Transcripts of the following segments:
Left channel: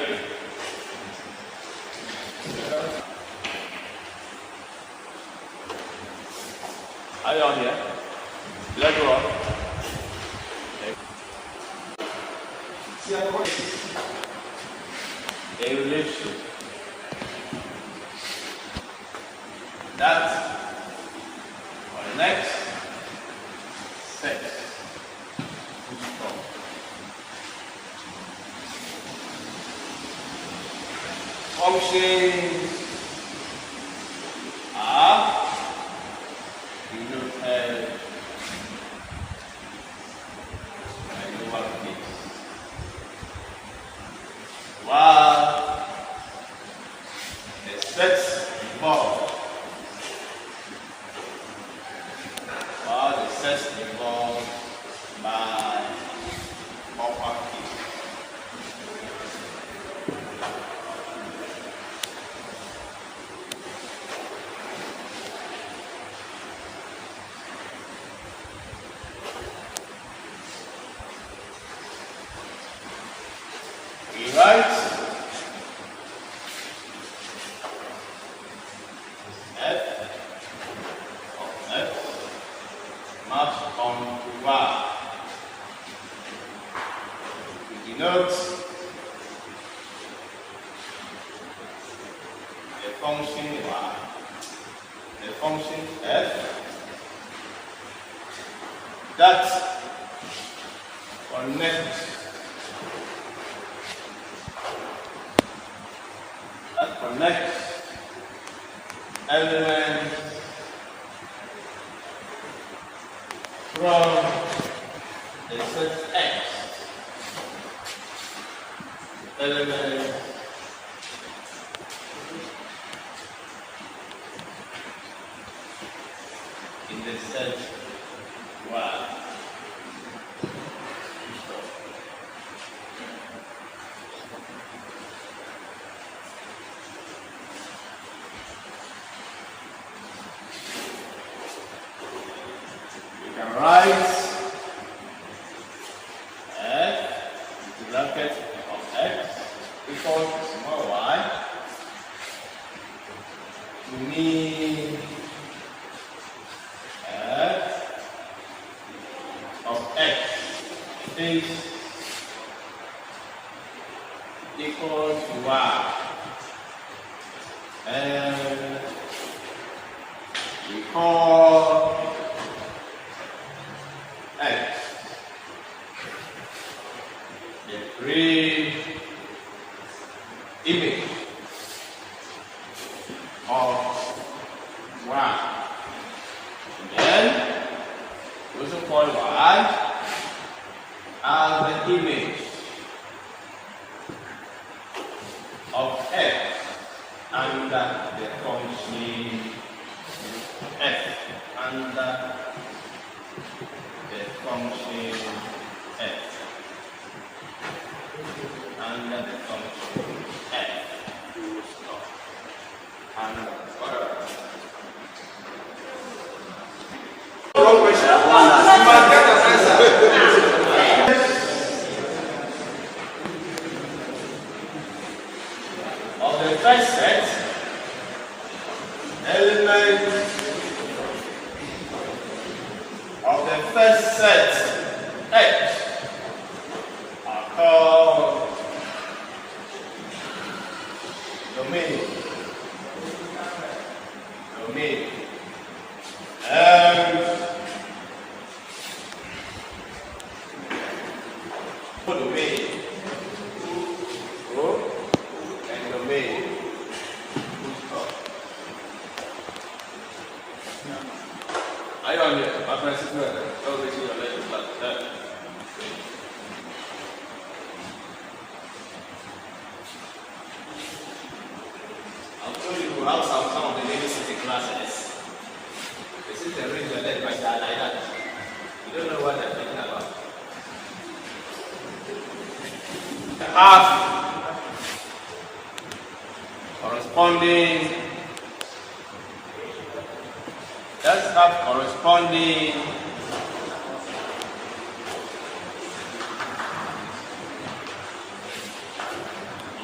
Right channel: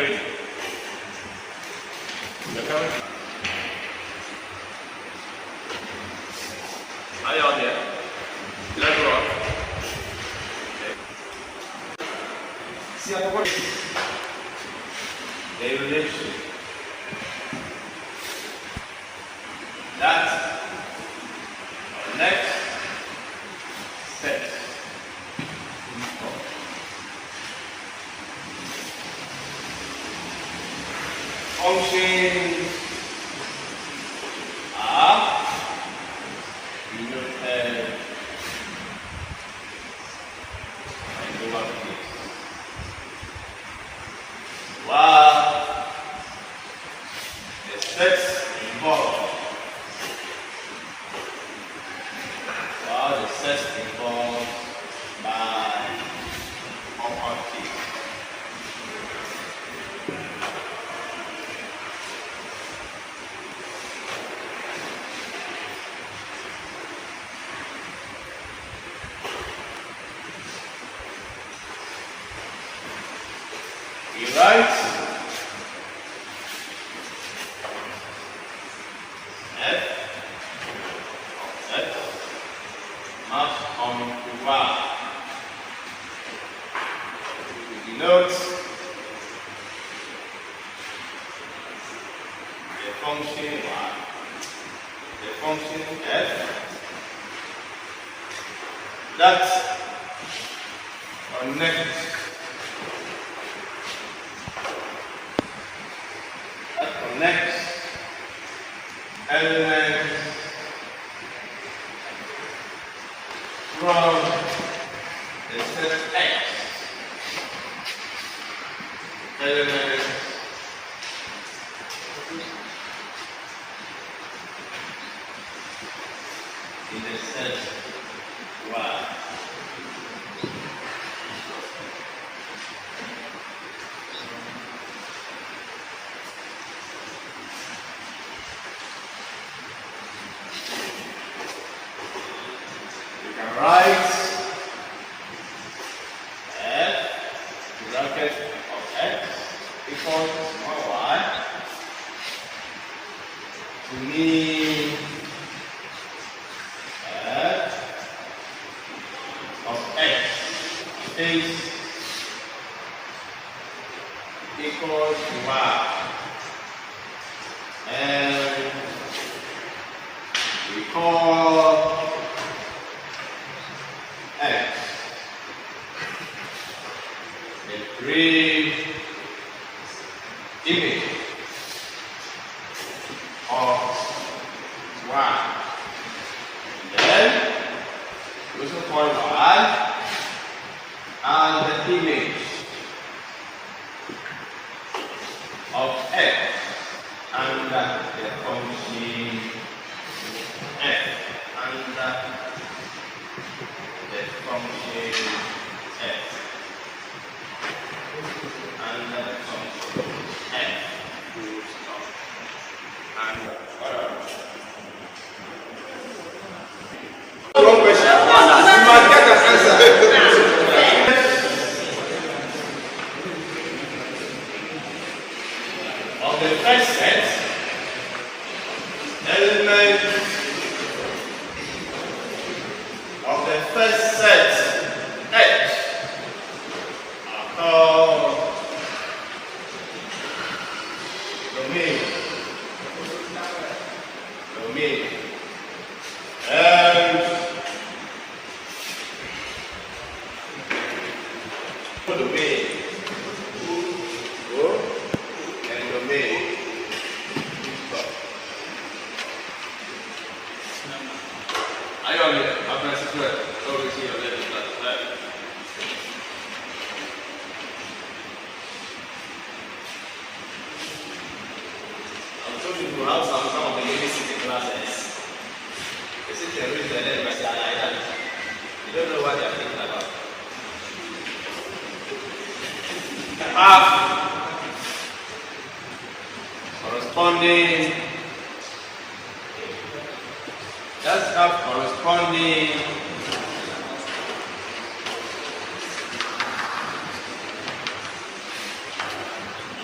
Very good. Are you on here? Let's go on. Okay. See how it they relate to that our next set. Functions are denoted by lowercase, while the sets involved by uppercase. We write F mapped onto Y. We denote the function Y, the function F that connects elements from the set X, elements in the set Y. Write F bracket of X equals to small y to mean F of X is equals to Y, and we call X the green image of Y. And then we also call Y as the image of X under the function F, under the function F, under the function F, and wrong question. You must get an answer. Of the first set, elements of the first set X are called domain. And domain. And domain. Are you on here? I'm going to sit over here a little like that. I'm showing you how some of the ladies sit in classes. They sit and read their letters like that. You don't know what they're thinking about. Half corresponding. Let's have corresponding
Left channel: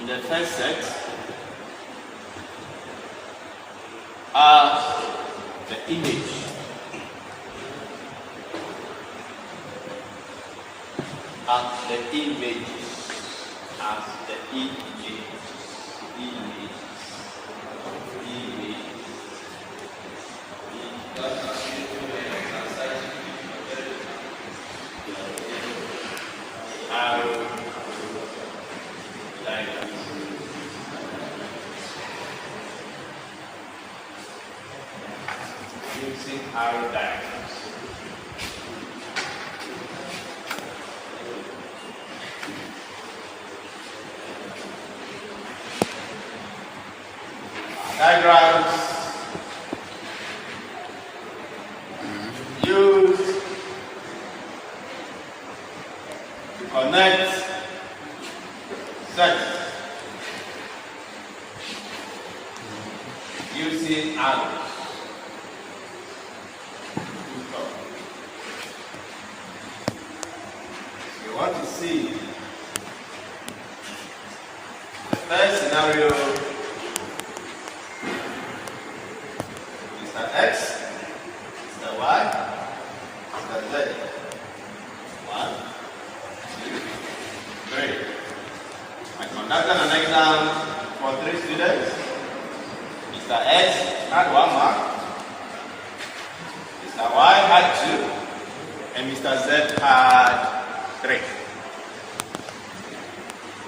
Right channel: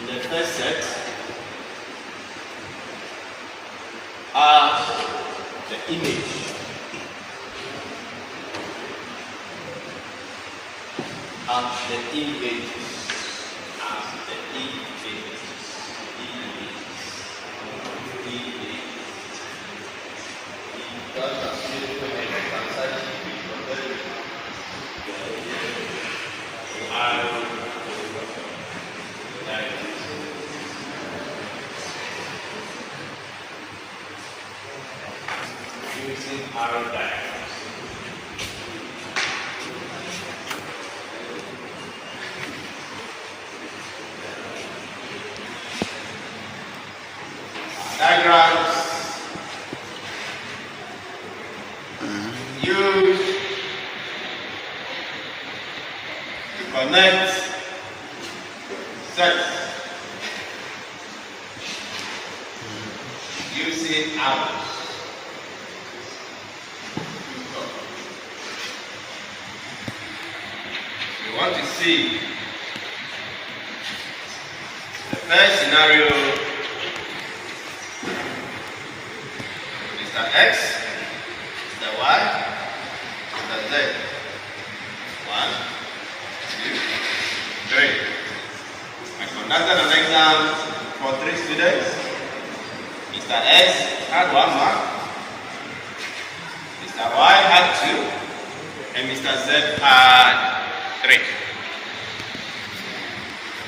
in the first set are the image. As the images. As the images. Using arrow diagrams. Diagrams used to connect sets using arrows. We want to see the first scenario. Mr. X, Mr. Y, Mr. Z. 1, 2, 3. I conducted an exam for 3 students. Mr. X had 1 mark, Mr. Y had 2, and Mr. Z had 3.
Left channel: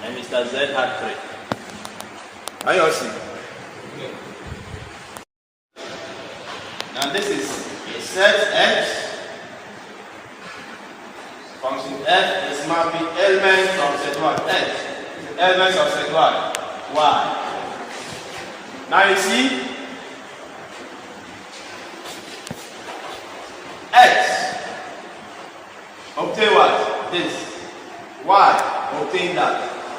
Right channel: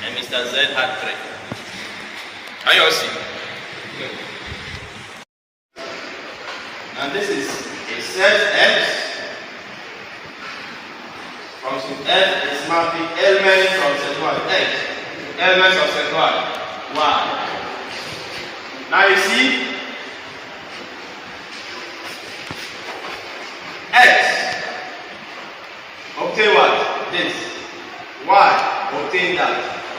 And Mr. Z had 3. Now you all see. Good. Now this is a set X. Function F is mapping elements of set 1 X to elements of set 1 Y. Now you see X obtain what? This. Y obtain that.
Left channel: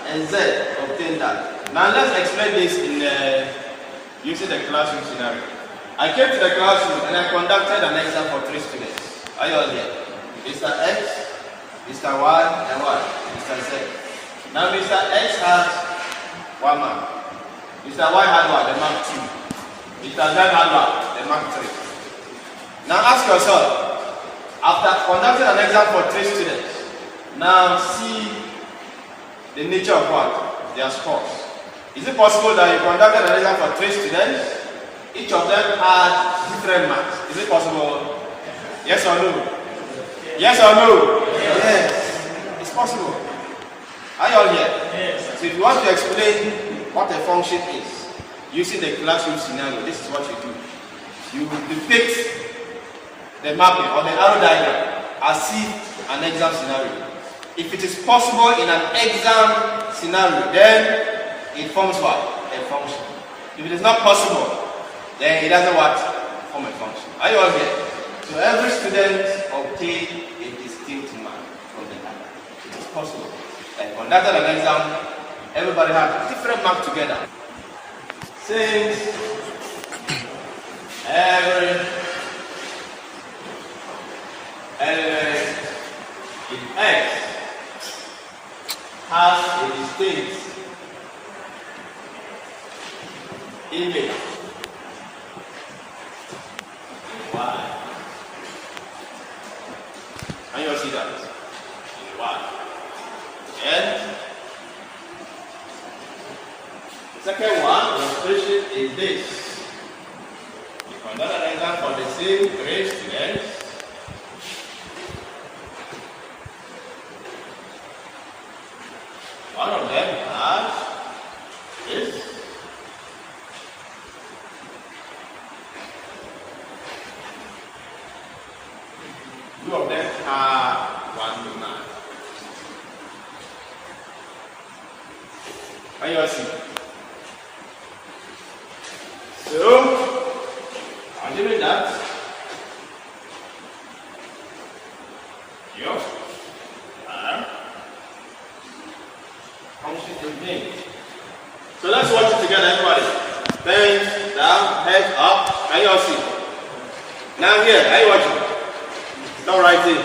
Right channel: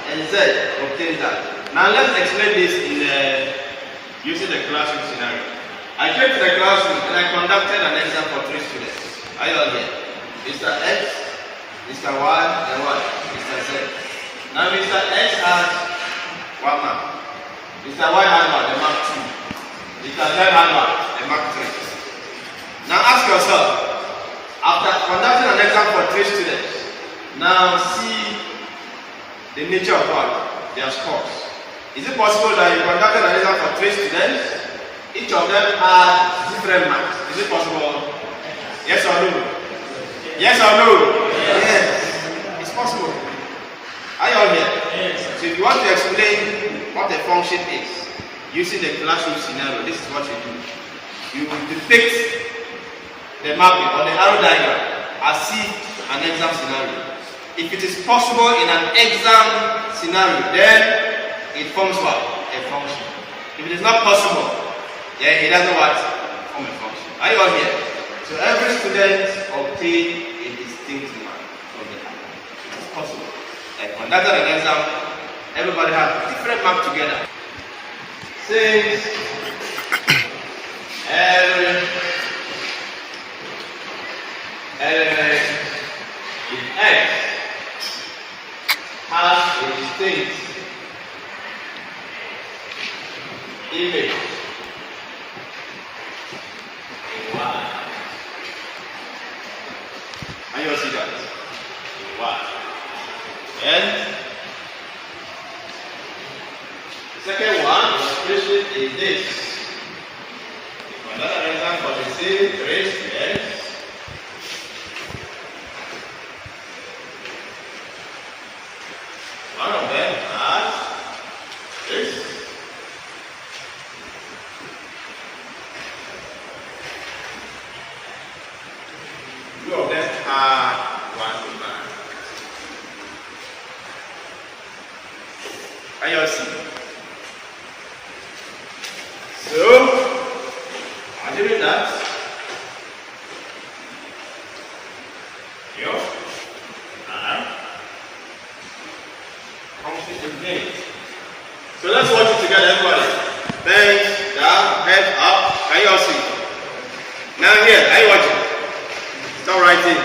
And Z obtain that. Now let's explain this in using the classroom scenario. I came to the classroom and I conducted an exam for 3 students. Are you all here? Mr. X, Mr. Y, and what? Mr. Z. Now Mr. X had 1 mark. Mr. Y had what? The mark 2. Mr. Z had what? The mark 3. Now ask yourself, after conducting an exam for 3 students, now see the nature of what? Their scores. Is it possible that you conducted an exam for 3 students? Each of them had different marks. Is it possible? Yes or no? Yes or no? Yes. It's possible. Are you all here? Yes. So if you want to explain what a function is, using the classroom scenario, this is what you do. You depict the mapping or the arrow diagram as if an exam scenario. If it is possible in an exam scenario, then it forms what? A function. If it is not possible, then it doesn't what? Form a function. Are you all here? So every student obtain a distinct mark from the other. It is possible. Like conducted an exam, everybody had different marks together. Since every element in X has a distinct image in Y. Can you all see that? In Y. And the second one, illustration is this. Another example for the same 3 students. One of them has this. Two of them have 1 mark. Can you all see? So, assuming that you are function is named. So let's watch it together, everybody. Bend down, head up. Can you all see? Now here, are you watching? Stop writing.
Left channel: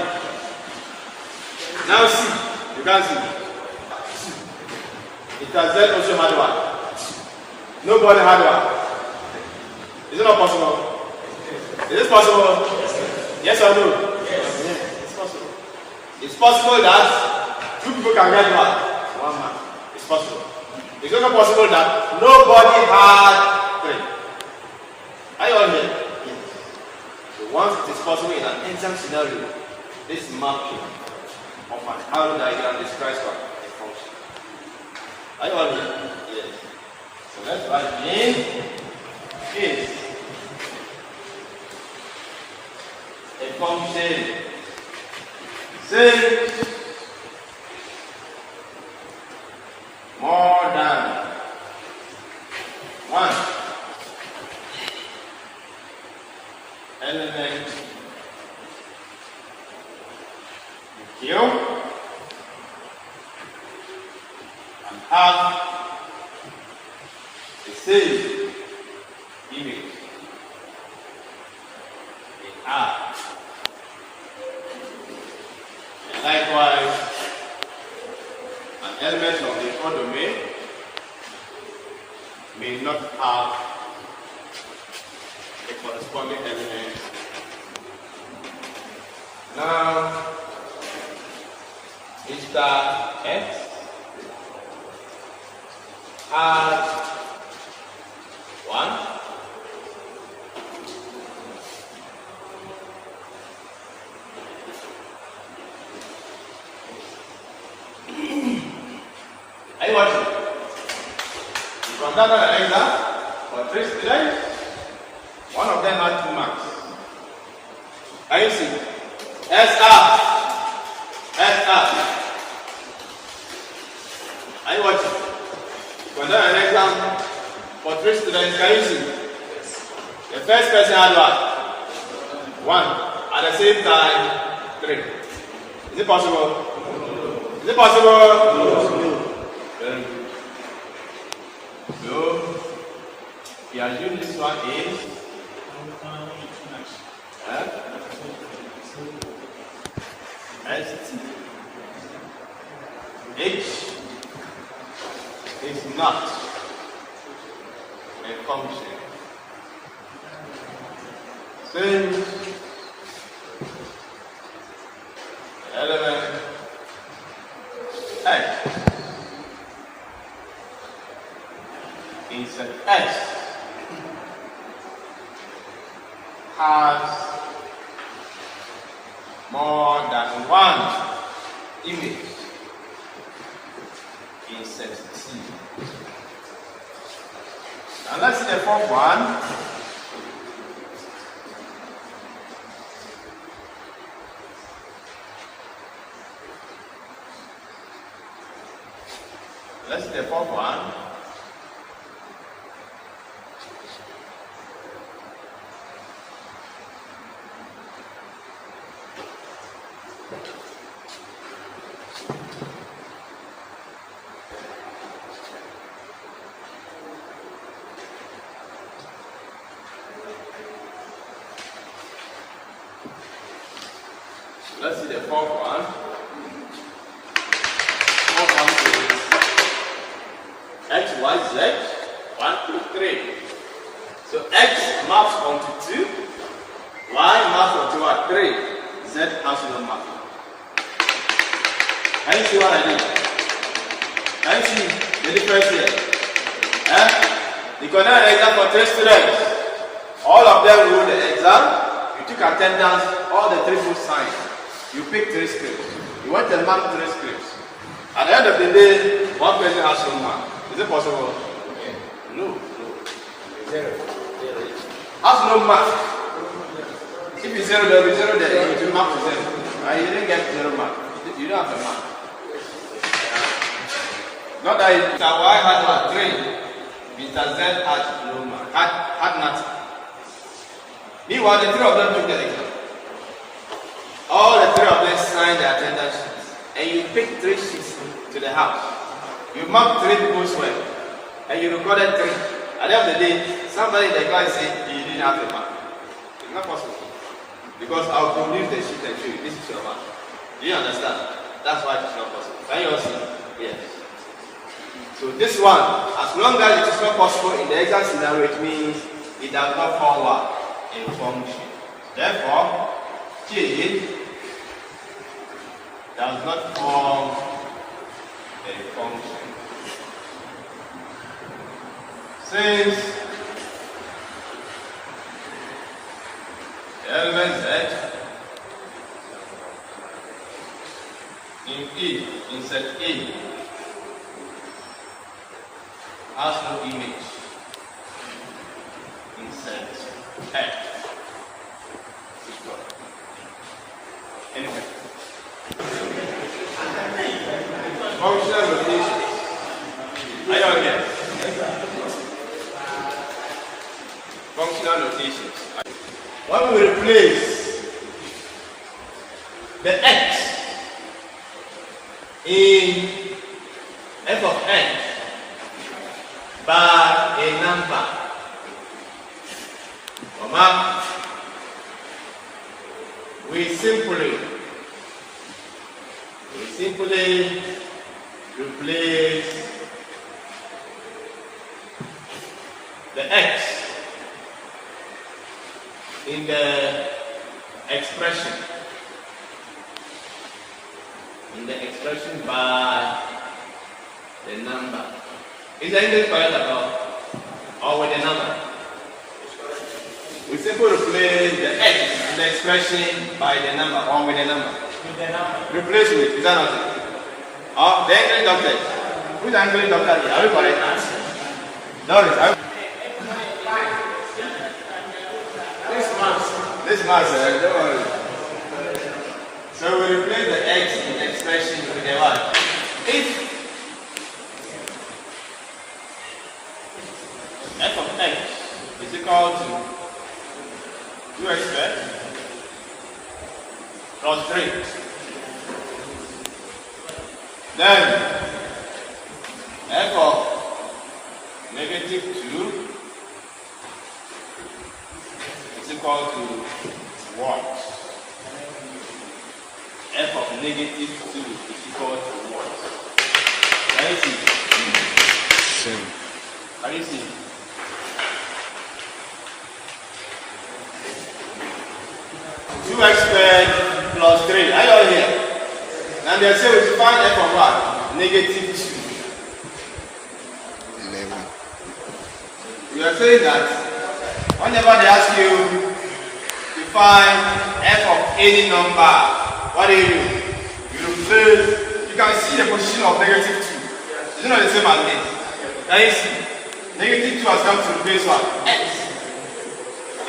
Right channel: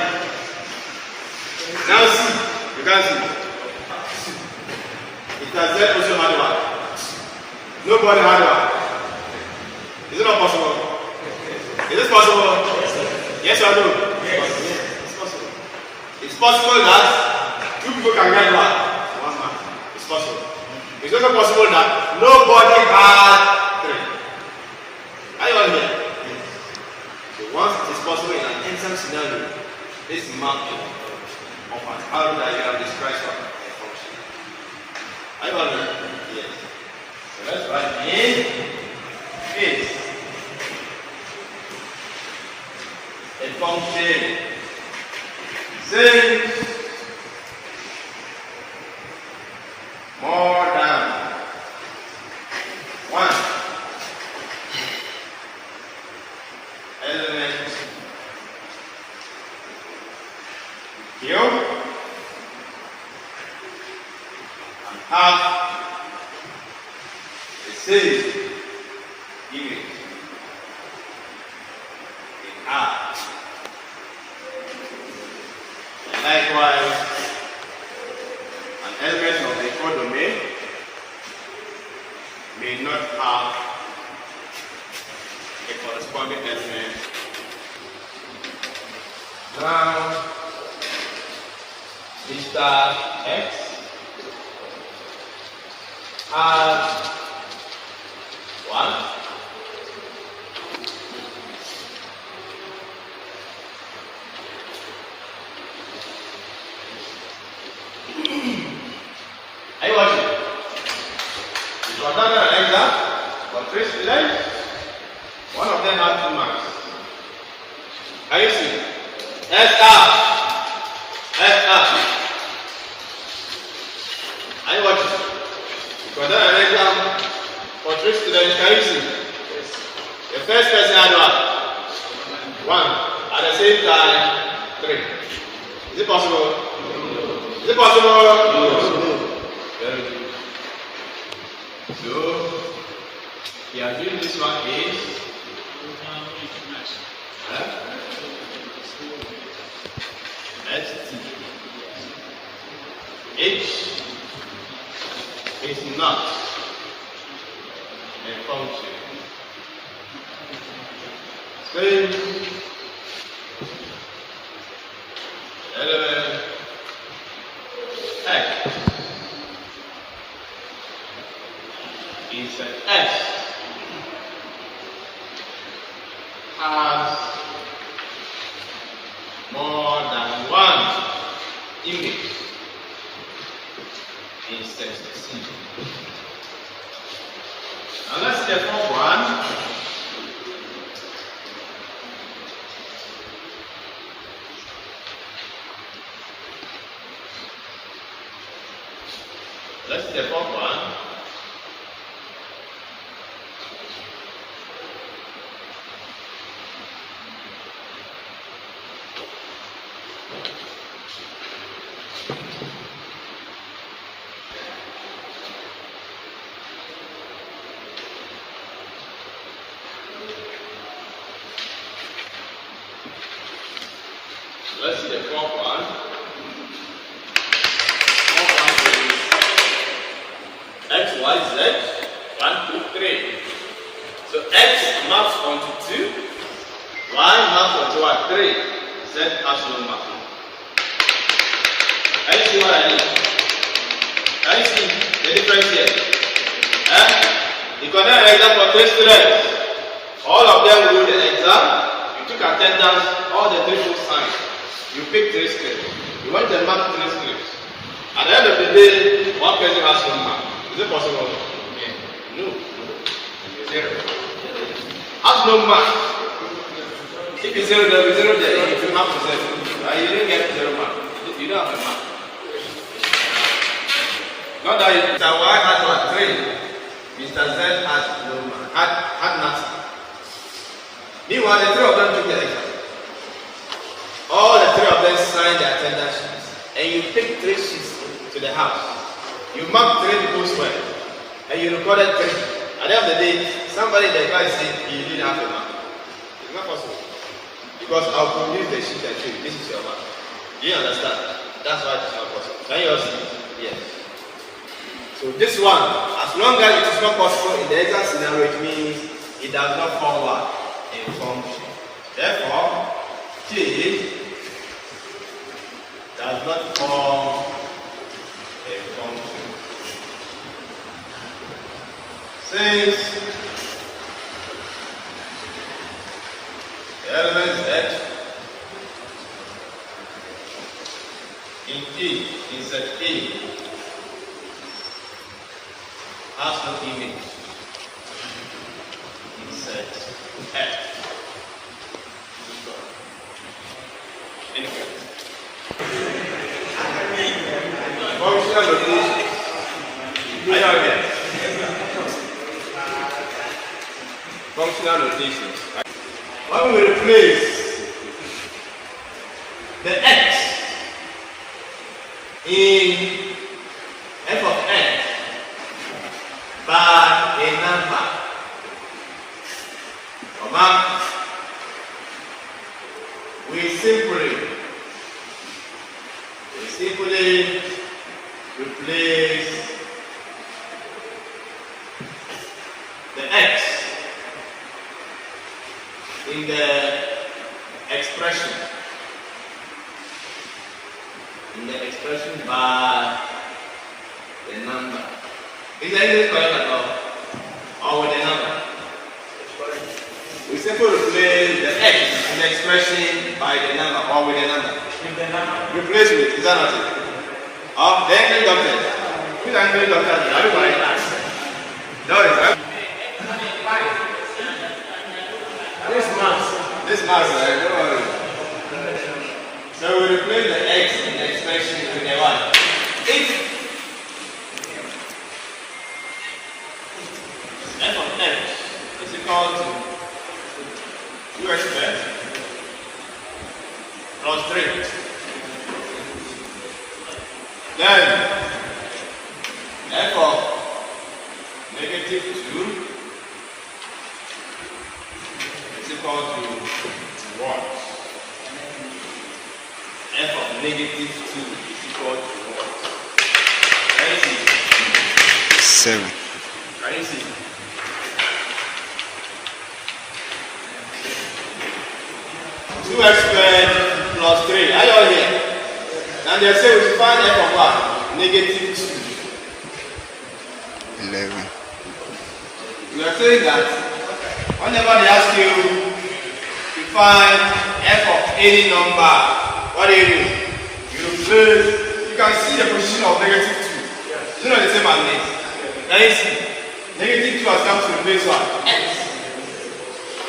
Now see. You can't see. Mr. Z also had one. Nobody had one. Is it not possible? Is it possible? Yes or no? Yes, it's possible. It's possible that two people can get one man. It's possible. It's also possible that nobody had three. Are you all here? Yes. So once it is possible in an exam scenario, this mapping of an arrow diagram describes what a function. Are you all here? Yes. So let's write in is a function saying more than one element Q and have the same image in R. And likewise, an element of the codomain may not have a corresponding element. Now, Mr. X has one. Are you watching? You conducted an exam for 3 students. One of them had 2 marks. Can you see? SR. Are you watching? You conducted an exam for 3 students. Can you see? Yes. The first person had one. At the same time, 3. Is it possible? Is it possible? No. Very good. So, we are doing this one is ST. H is not a function. Same element X insert S has more than one image insert C. And let's see the fourth one. Let's see the fourth one. Let's see the fourth one. Fourth one is X, Y, Z, 1, 2, 3. So X maps onto 2, Y maps onto what? 3. Z has no map. Can you see what I mean? Can you see the difference here? You conduct an exam for 3 students. All of them wrote the exam. You took attendance, all the 3 books signed. You pick 3 scripts. You went and marked 3 scripts. At the end of the day, one person has no mark. Is it possible? No. 0. Has no mark. If it's 0, there will be 0 there. If you mark to 0, and you didn't get 0 mark, you don't have a mark. Not that Mr. Y had what? 3. Mr. Z had no mark. Had nothing. Meanwhile, the 3 of them took the exam. All the 3 of them signed the attendance sheets, and you picked 3 sheets to the house. You marked 3 people's work, and you recorded 3. At the end of the day, somebody in the class said you didn't have a mark. It's not possible. Because I'll produce the sheet and show you, this is your mark. Do you understand? That's why it's not possible. Can you all see? Yes. So this one, as long as it is not possible in the exact scenario, it means it does not form what? A function. Therefore, T does not form a function. Since the element Z in set A has no image in set F. Anyway, functional notation. Are you here? Functional notations. When we replace the x in f of x by a number, we simply replace the x in the expression by the number. Is there anything correct at all? Or with the number? We simply replace the x in the expression by the number or with the number. With the number. Replace with it. Is that not it? Or the English doctor. Who's the English doctor? Are you correct? No, it's this mass, don't worry. So we replace the x in the expression with a 1. If f of x is equal to 2x plus 3, then f of negative 2 is equal to what? F of negative 2 is equal to what? Can you see? 7. Can you see? Two x squared plus 3. Are you all here? And they say we should find f of what? Negative 2. 11. We are saying that whenever they ask you to find f of any number, what do? You replace, you can see the position of negative 2. It's not the same as this. Can you see? Negative 2 has come to replace what? X.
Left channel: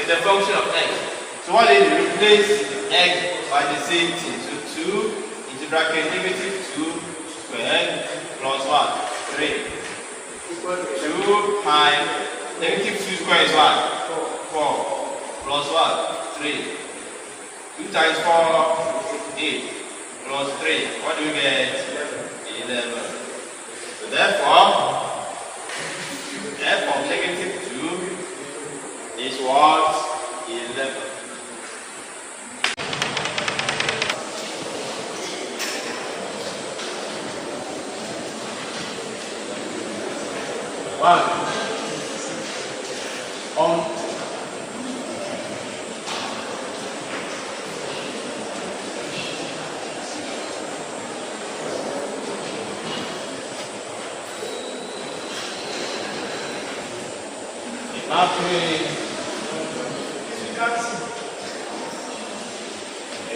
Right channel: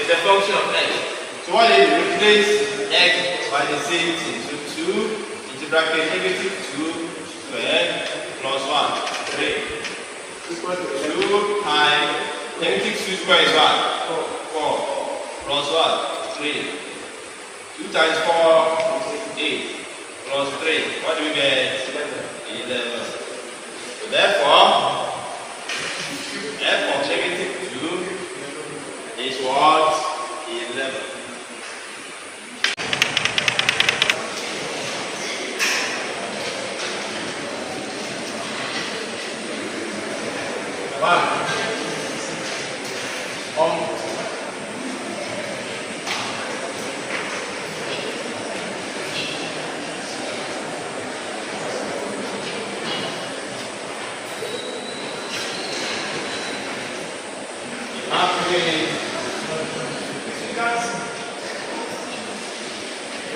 It's the function of x. So what do? Replace x by the same thing. So 2 into bracket negative 2 squared plus 1? 3. 2 times negative 2 squared is what? 4. Plus what? 3. 2 times 4 8. Plus 3. What do we get? 11. So therefore, f of negative 2 is what? 11.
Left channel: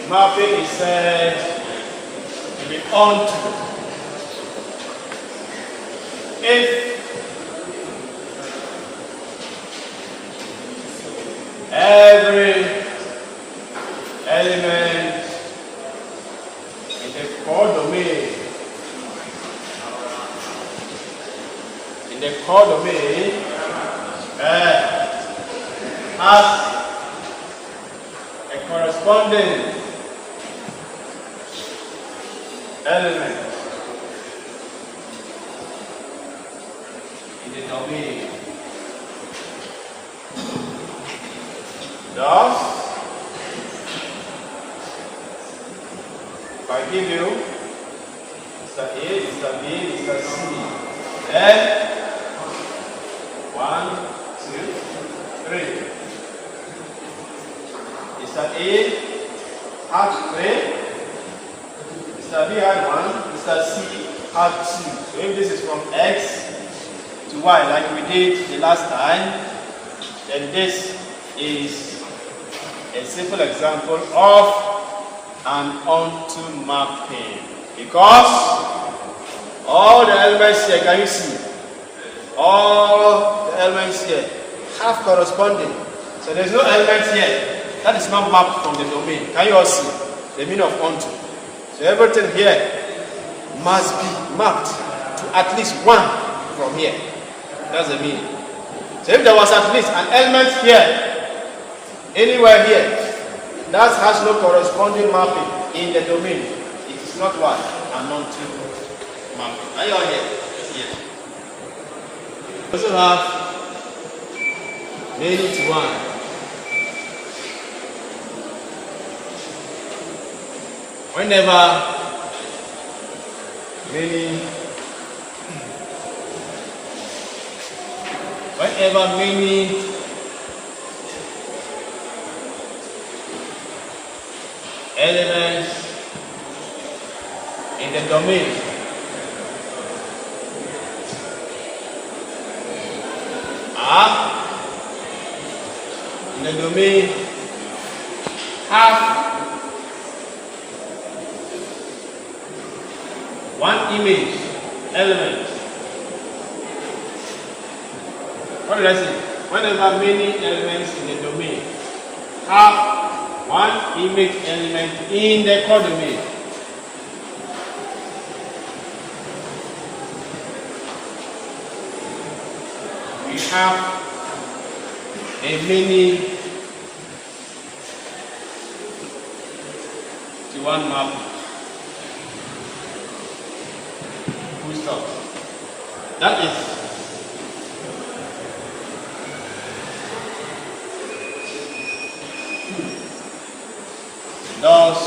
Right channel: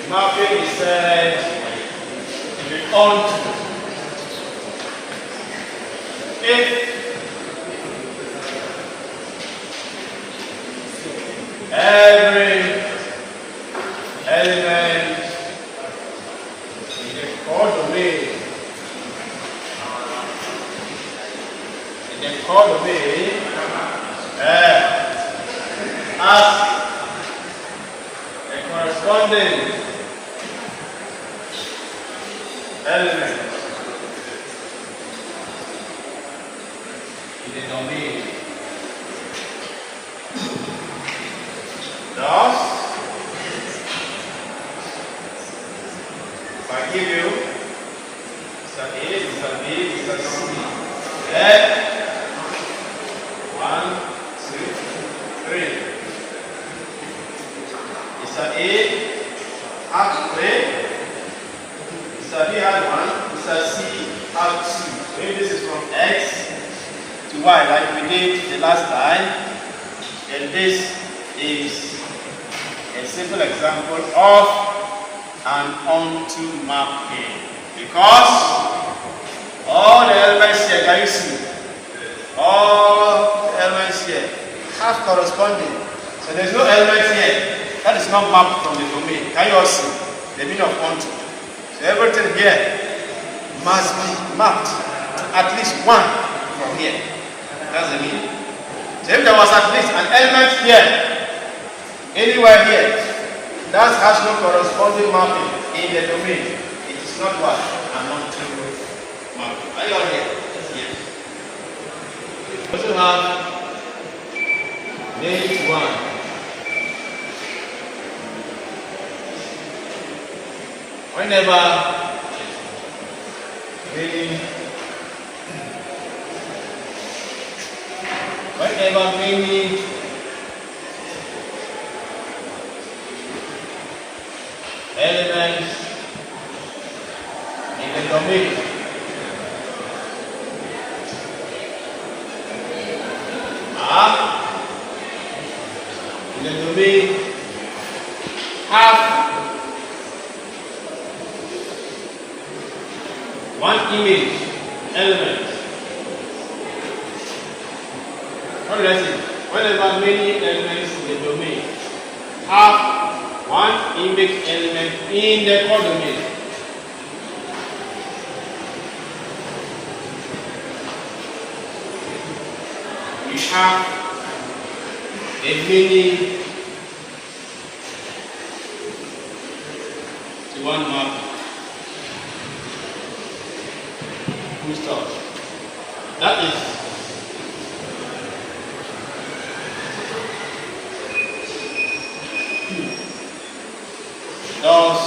Mapping is said to be onto. If every element in the codomain has a corresponding element in the domain. Thus, if I give you this is A, this is B, this is C, 1, 2, 3. Mr. A had 3. Mr. B had 1. Mr. C had 2. So if this is from X to Y like we did the last time, then this is a simple example of an onto mapping. Because all the elements here, can you see? All the elements here have corresponding. So there's no element here that is not mapped from the domain. Can you all see the meaning of onto? So everything here must be mapped to at least one from here. That's the meaning. So if there was at least an element here, anywhere here, that has no corresponding mapping in the domain, it is not what? An onto mapping. Are you all here? Yes. We also have many to one. Whenever many elements in the domain have one image element. What did I say? Whenever many elements in the domain have one image element in the codomain, we have a many to one map. Full stop. That is thus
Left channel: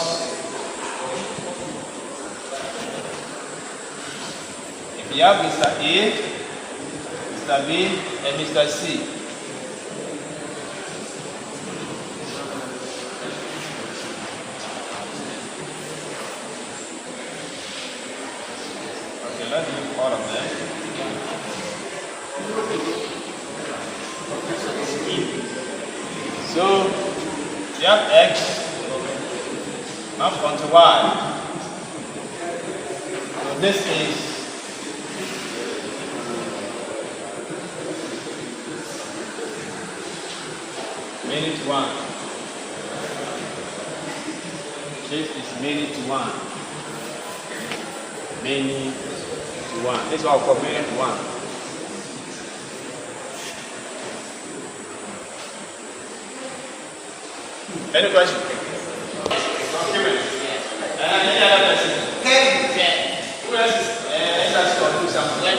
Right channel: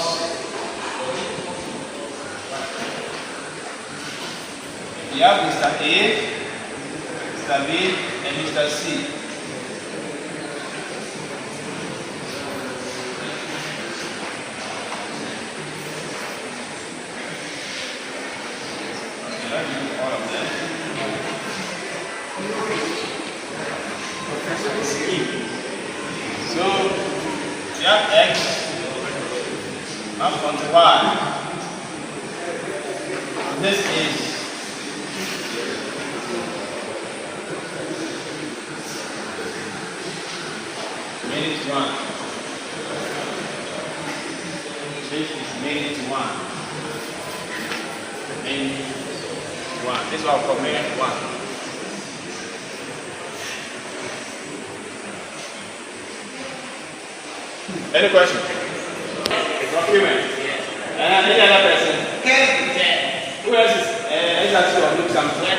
if you have Mr. A, Mr. B, and Mr. C, okay, let's use all of them. So you have X map onto Y. And this is many to one. So it is many to one. Many to one. This is what we call many to one. Any question? Any other person? Kevin. Who else is? Let's ask you to do something.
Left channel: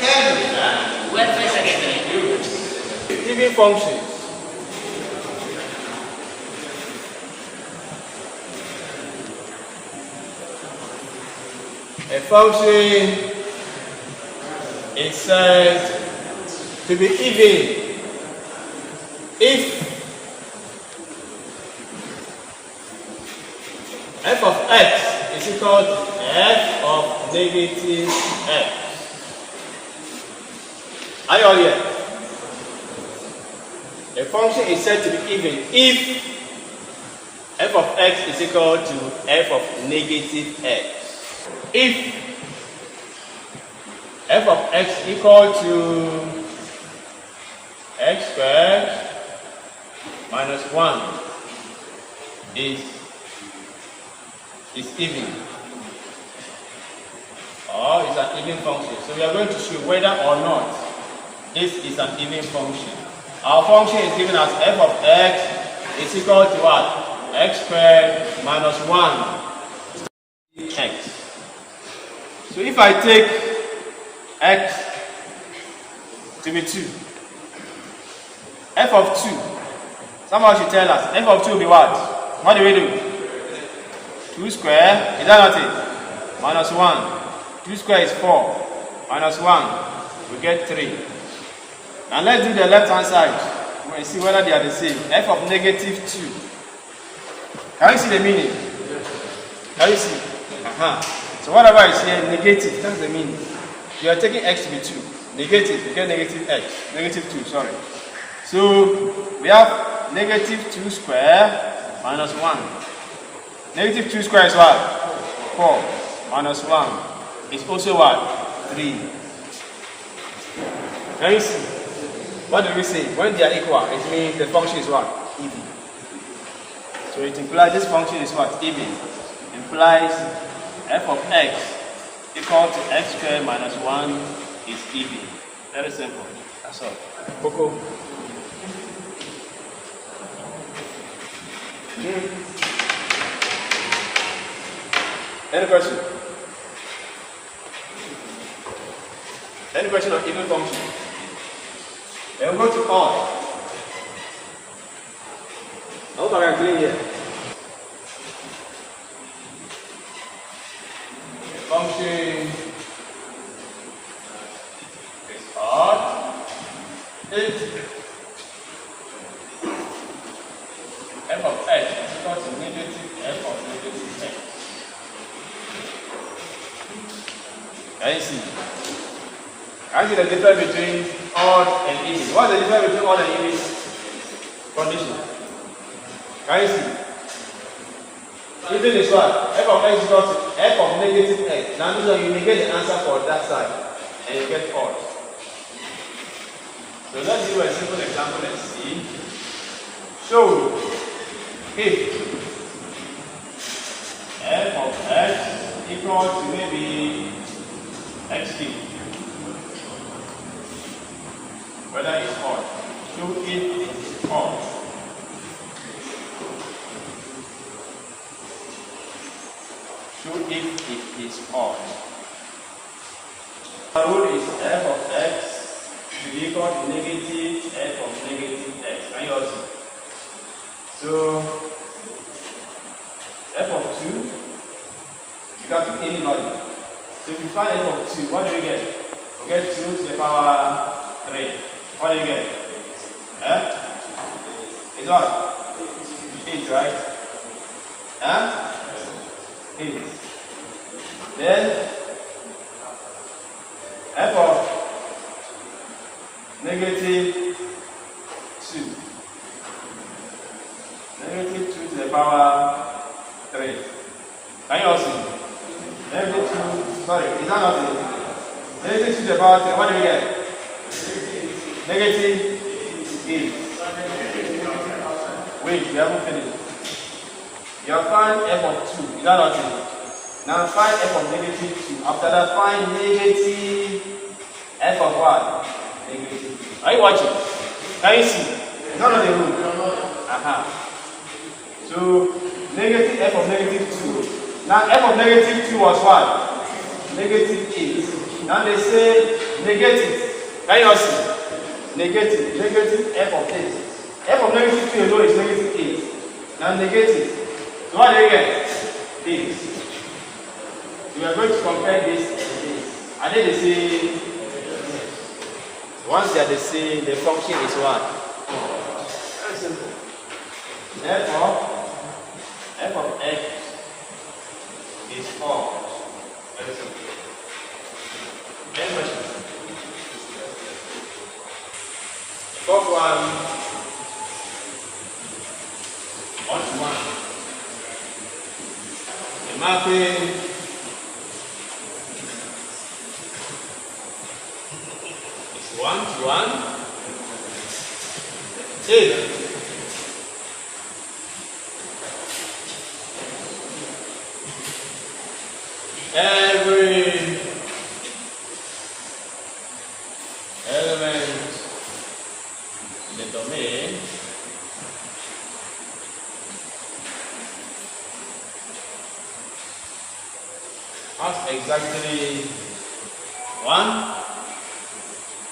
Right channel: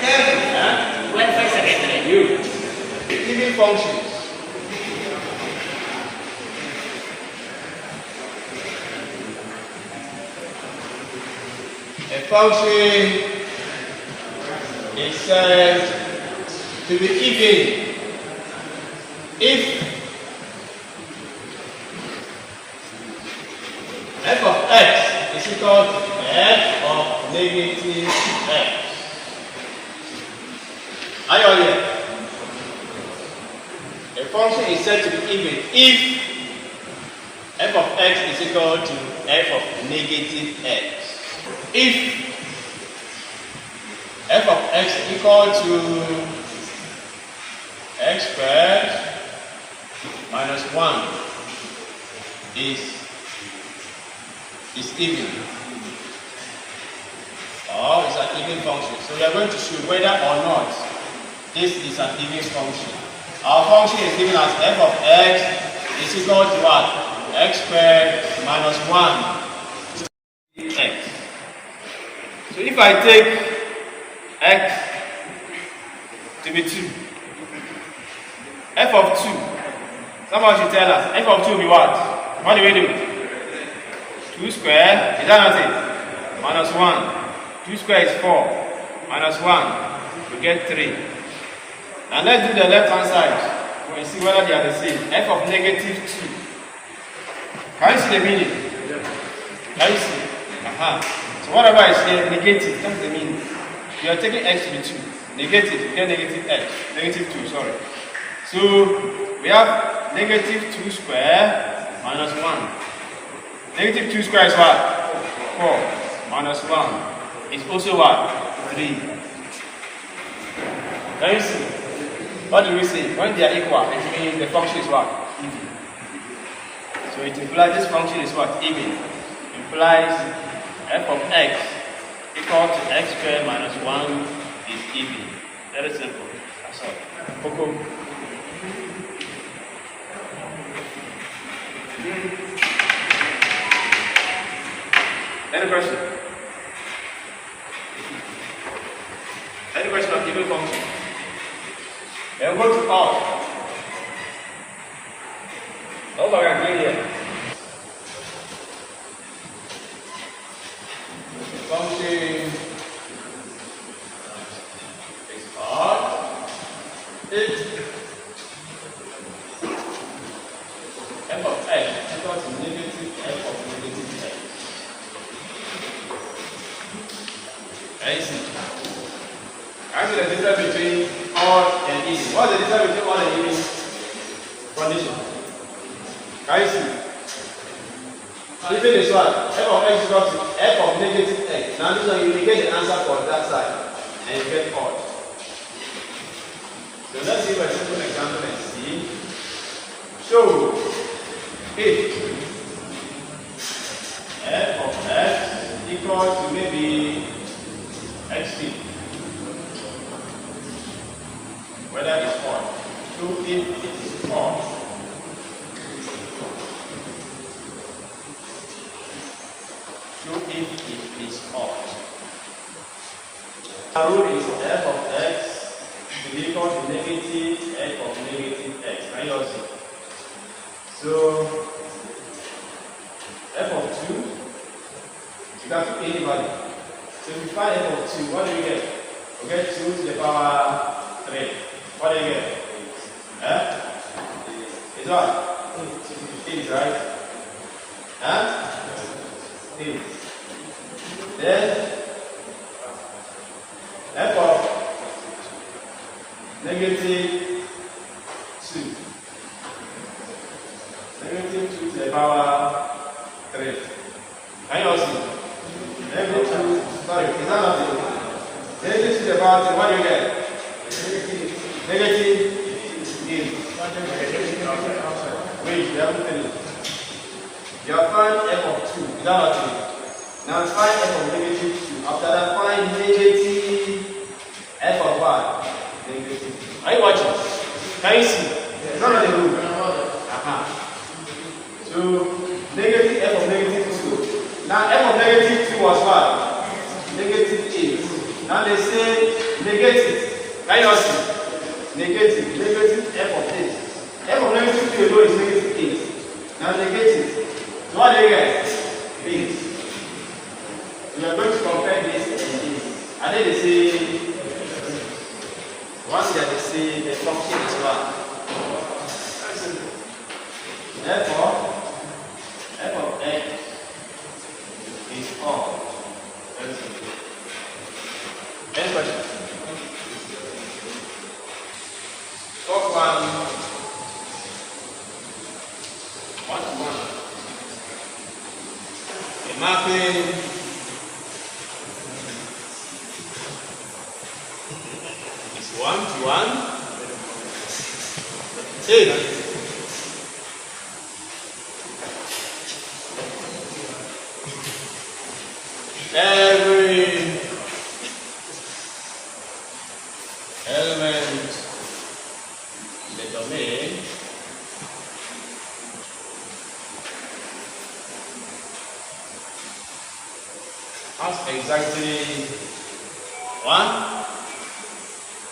Kevin. Welfare secretary. You. Giving functions. A function is said to be even if f of x is equal to f of negative x. Are you all here? A function is said to be even if f of x is equal to f of negative x. If f of x equal to x squared minus 1 is even, or is an even function. So we are going to show whether or not this is an even function. Our function is given as f of x is equal to what? X squared minus 1 x. So if I take x to be 2, f of 2, someone should tell us, f of 2 will be what? What do we do? 2 square, is that not it? Minus 1. 2 square is 4. Minus 1. we get 3. Now let's do the left hand side. We'll see whether they are the same. F of negative 2. Can you see the meaning? Can you see? So whatever is here, negative, that's the meaning. You are taking x to be 2. Negative, you get negative x. Negative 2, sorry. So we have negative 2 square minus 1. Negative 2 square is what? 4 minus 1. It's also what? 3. Can you see? What do we say? When they are equal, it means the function is what? Even. So it implies this function is what? Even. Implies f of x equal to x squared minus 1 is even. Very simple. That's all. Coco. Any question? Any question on even function? Then we'll go to odd. Nobody agree here. The function is odd if f of x equals to negative f of negative x. Can you see? Actually, the difference between odd and even. What is the difference between odd and even? Condition. Can you see? Even is what? F of x is equal to f of negative x. Now this one you will get the answer for that side. And you get odd. So let's do a simple example and see. So if f of x equals to maybe xt, whether it's odd. So if it is odd, so if it is odd, the rule is f of x to be equal to negative f of negative x. Can you all see? So f of 2, you can pick anybody. So if you find f of 2, what do you get? We get 2 to the power 3. What do you get? It's what? 8, right? 8. Then f of negative 2. Negative 2 to the power 3. Can you all see? Negative 2, sorry, is that not it? Negative 2 to the power 3, what do you get? Negative 8. Wait, you haven't finished. You have found f of 2, is that not it? Now find f of negative 2. After that, find negative f of what? Negative 2. Are you watching? Can you see? It's not on the rule. So, negative f of negative 2. Now, f of negative 2 was what? Negative 8. Now they say negative. Can you all see? Negative. Negative f of 8. F of negative 2, you know, is negative 8. Now, negative. So, what do you get? 8. We are going to compare this and this. Are they the same? Once they are the same, the function is what? Very simple. Therefore, f of x is odd. Very simple. Any questions? First one. 1 to 1. A mapping. Is 1 to 1. 8. Every element in the domain has exactly one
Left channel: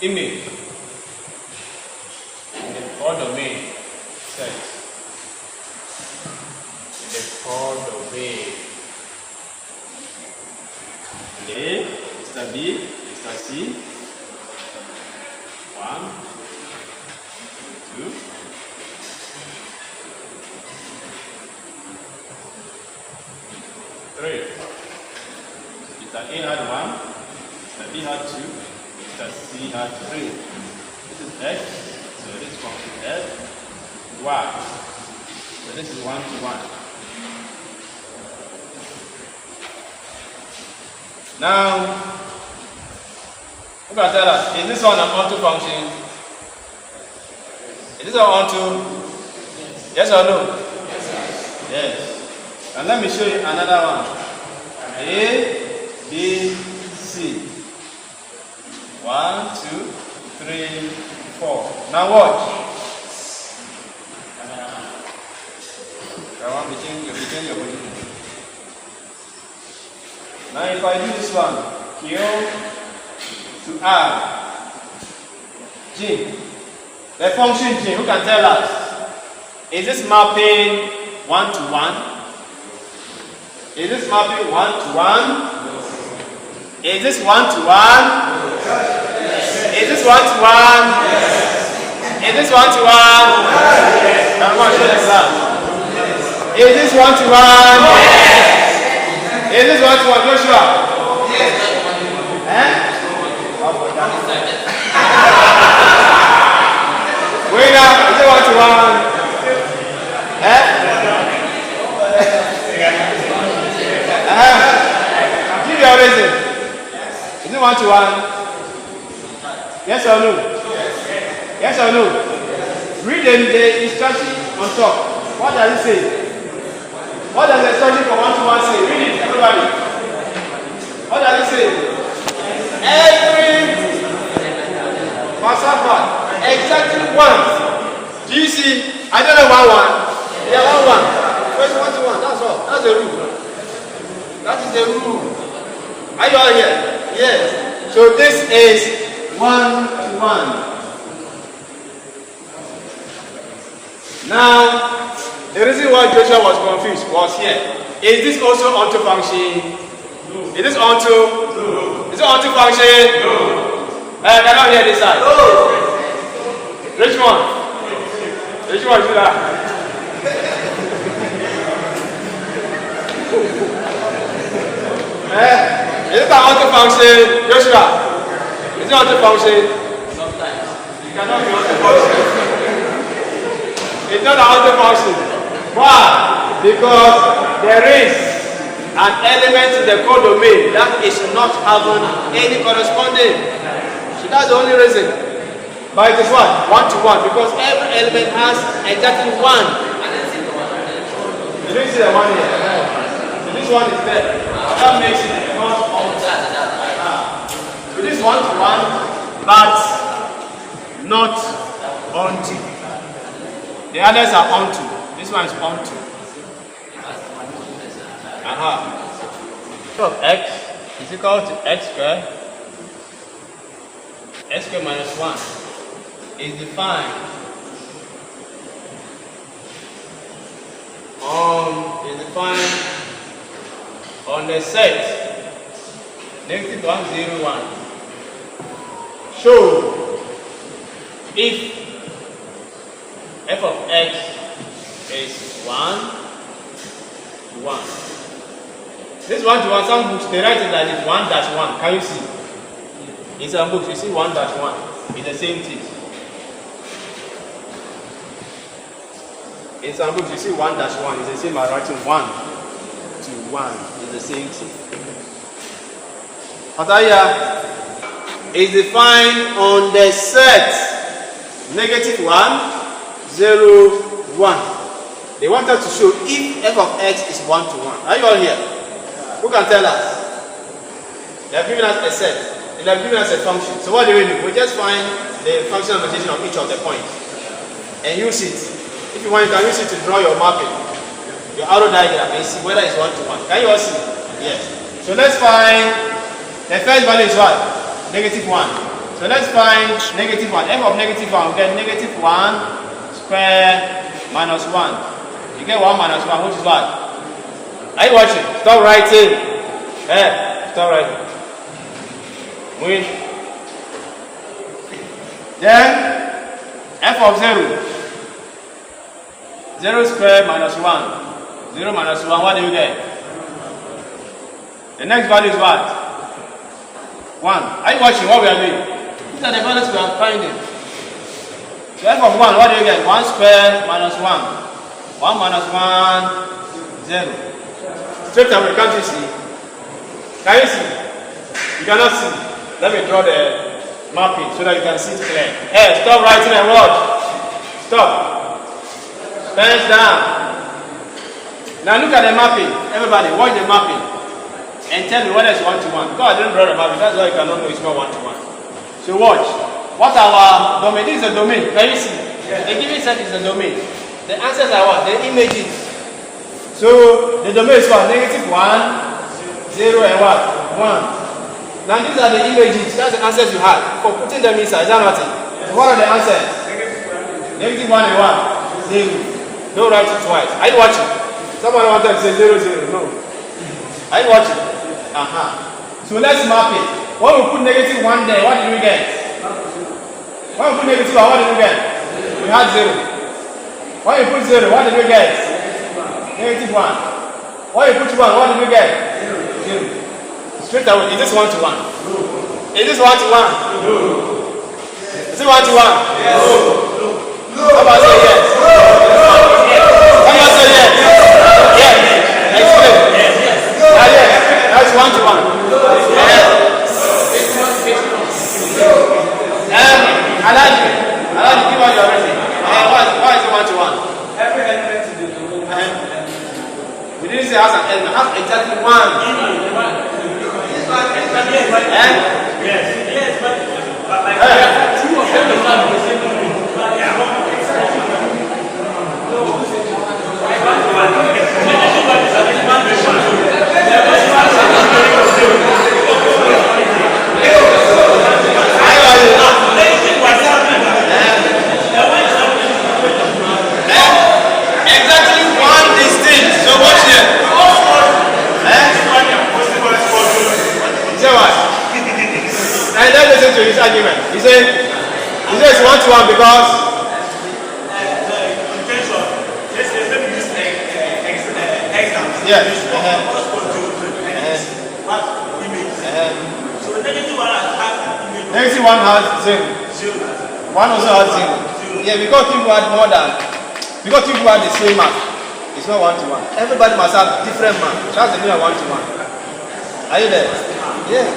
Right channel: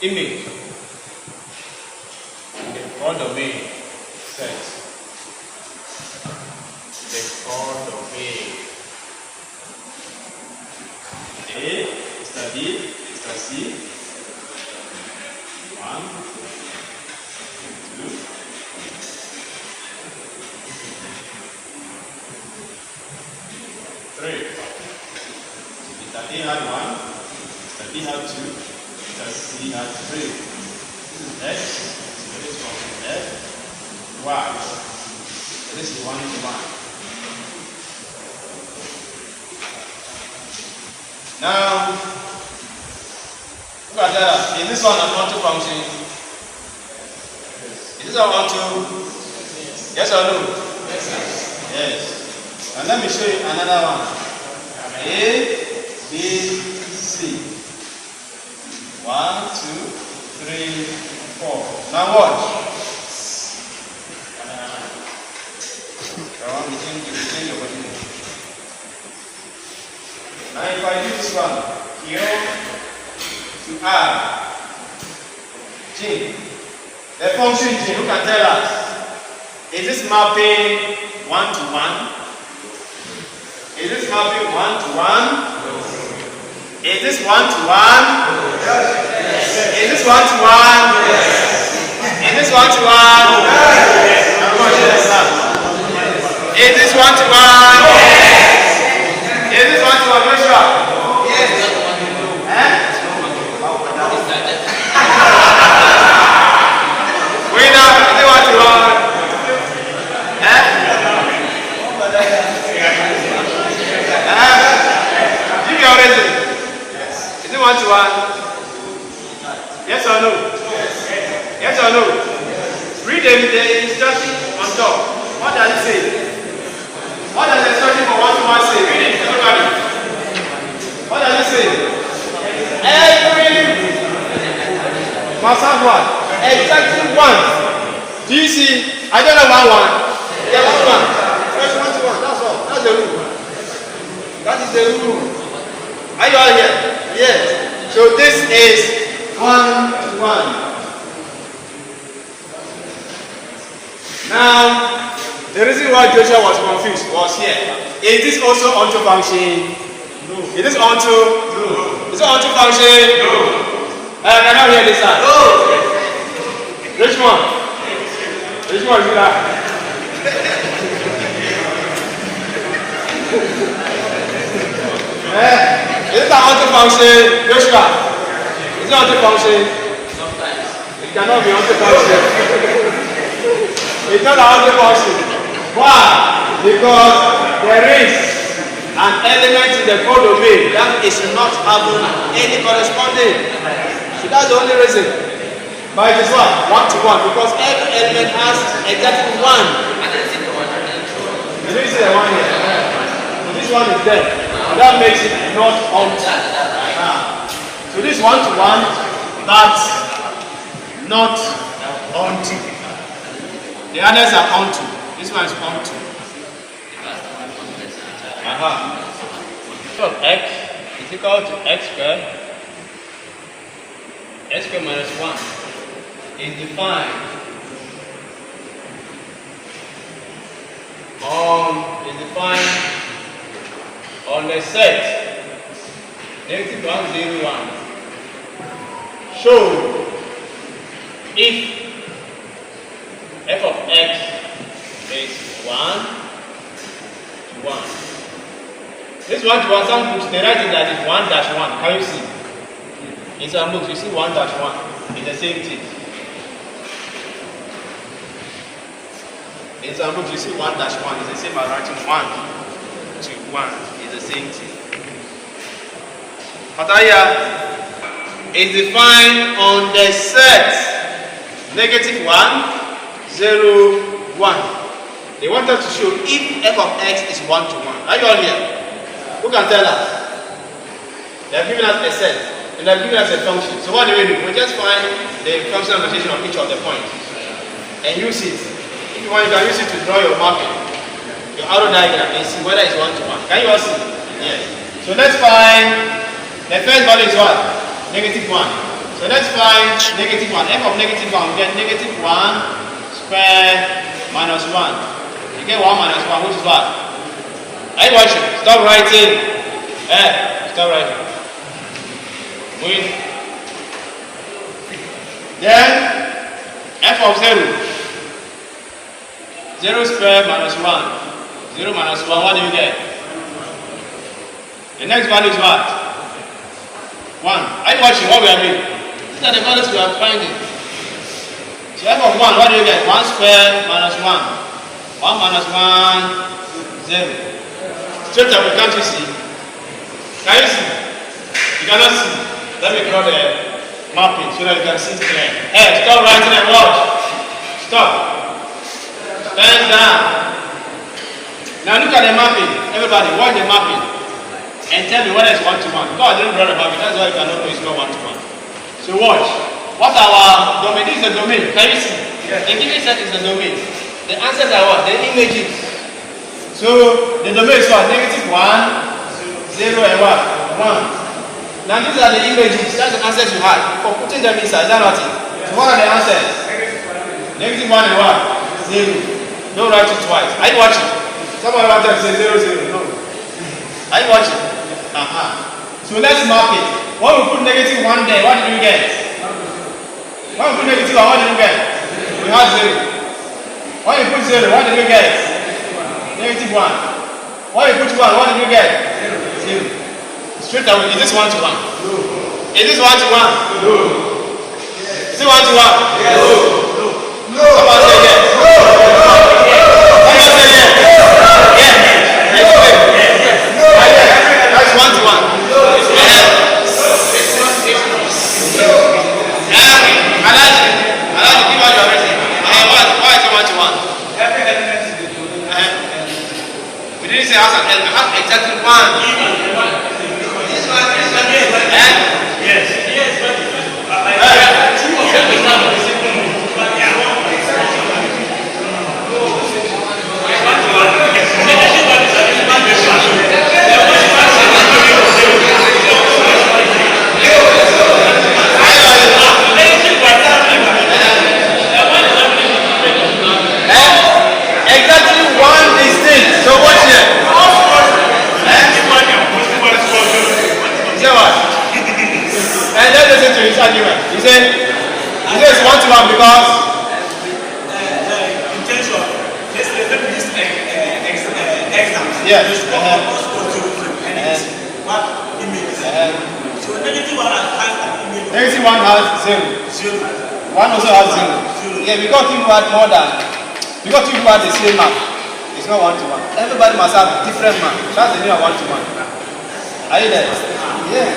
image in the codomain set. The codomain. A, Mr. B, Mr. C. 1, 2, 3. Mr. A had 1, Mr. B had 2, Mr. C had 3. This is X, so this function is F, Y. So this is 1 to 1. Now, look at that. Is this one an onto function? Is this one onto? Yes or no? Yes. And let me show you another one. A, B, C. 1, 2, 3, 4. Now watch. Come on, we change your position. Now if I do this one, Q to R, G, the function G, who can tell us? Is this mapping 1 to 1? Is this mapping 1 to 1? Is this 1 to 1? Is this 1 to 1? Is this 1 to 1? I'm going to show this up. Is this 1 to 1? Is this 1 to 1, Joshua? Yes. Wait now, is it 1 to 1? Give me your reason. Is it 1 to 1? Yes or no? Yes or no? Read the instruction on top. What does it say? What does the instruction for 1 to 1 say? Read it, everybody. What does it say? Every must have one. Exactly 1. Do you see? I don't know 1 1. Yeah, 1 1. First 1 to 1. That's all. That's the rule. That is the rule. Are you all here? Yes. So this is 1 to 1. Now, the reason why Joshua was confused was here. Is this also onto function? No. Is this onto? No. Is it onto function? No. I cannot hear this side. No. Which one? Which one is that? Is it an onto function? Joshua? Is it onto function? Sometimes. It cannot be onto function. It's not an onto function. Why? Because there is an element in the codomain that is not having any corresponding. So that's the only reason. But it is what? 1 to 1. Because every element has exactly 1. You don't see the 1 here. So this one is there. That makes it not onto. So this 1 to 1, but not onto. The others are onto. This one is onto. So x is equal to x squared. X squared minus 1 is defined on the set negative 1, 0, 1. So if f of x is 1 to 1. This 1 to 1, some books they write it like this 1 dash 1. Can you see? In some books you see 1 dash 1. It's the same thing. In some books you see 1 dash 1. It's the same as writing 1 to 1. It's the same thing. Ataya is defined on the set negative 1, 0, 1. They want us to show if f of x is 1 to 1. Are you all here? Who can tell us? They have given us a set and they have given us a function. So what do? We just find the functional notation of each of the points and use it. If you want, you can use it to draw your marking, your arrow diagram, and see whether it's 1 to 1. Can you all see? Yes. So let's find the first value is what? Negative 1. So let's find negative 1. F of negative 1 will get negative 1 square minus 1. You get 1 minus 1, which is what? Are you watching? Stop writing. Stop writing. Moving. Then f of 0. 0 squared minus 1. 0 minus 1, what do you get? The next value is what? 1. Are you watching what we are doing? These are the values we are finding. So f of 1, what do you get? 1 squared minus 1. 1 minus 1, 0. Straight away, can't you see? Can you see? You cannot see. Let me draw the mapping so that you can see it clear. Hey, stop writing and watch. Stop. Bend down. Now look at the mapping. Everybody, watch the mapping. And tell me whether it's 1 to 1. Because I didn't draw the mapping, that's why you cannot know it's not 1 to 1. So watch. What our domain? This is the domain. Can you see? Yes. The given set is the domain. The answers are what? The images. So the domain is what? Negative 1, 0 and what? 1. Now these are the images. That's the answers you had. For putting them inside, is that nothing? So what are the answers? Negative 1 and what? 0. Don't write it twice. Are you watching? Someone wanted to say 0, 0. No. Are you watching? So let's map it. When we put negative 1 there, what did we get? When we put negative 1, what did we get? We had 0. When we put 0, what did we get? Negative 1. When we put 1, what did we get? 0. Straight away, is this 1 to 1? No. Is this 1 to 1? No. Is it 1 to 1? Yes. No. Someone say yes. Someone say yes. Yes. Explain. Yes. That's 1 to 1. Alhaji, give out your reason. Why is it 1 to 1? Every element is the domain. We didn't say has an element. Has exactly 1. This one is yes, but two of them is not the same thing. Exactly 1 distinct. So what's here? Say what? And let's listen to his argument. He says it's 1 to 1 because Intention. Let's say let me use example. yes. What image? So negative 1 has an image. Negative 1 has 0. 1 also has 0. Yeah, because people had more than people had the same map. It's not 1 to 1. Everybody must have different map. That's the meaning of 1 to 1. Are you there? Yeah.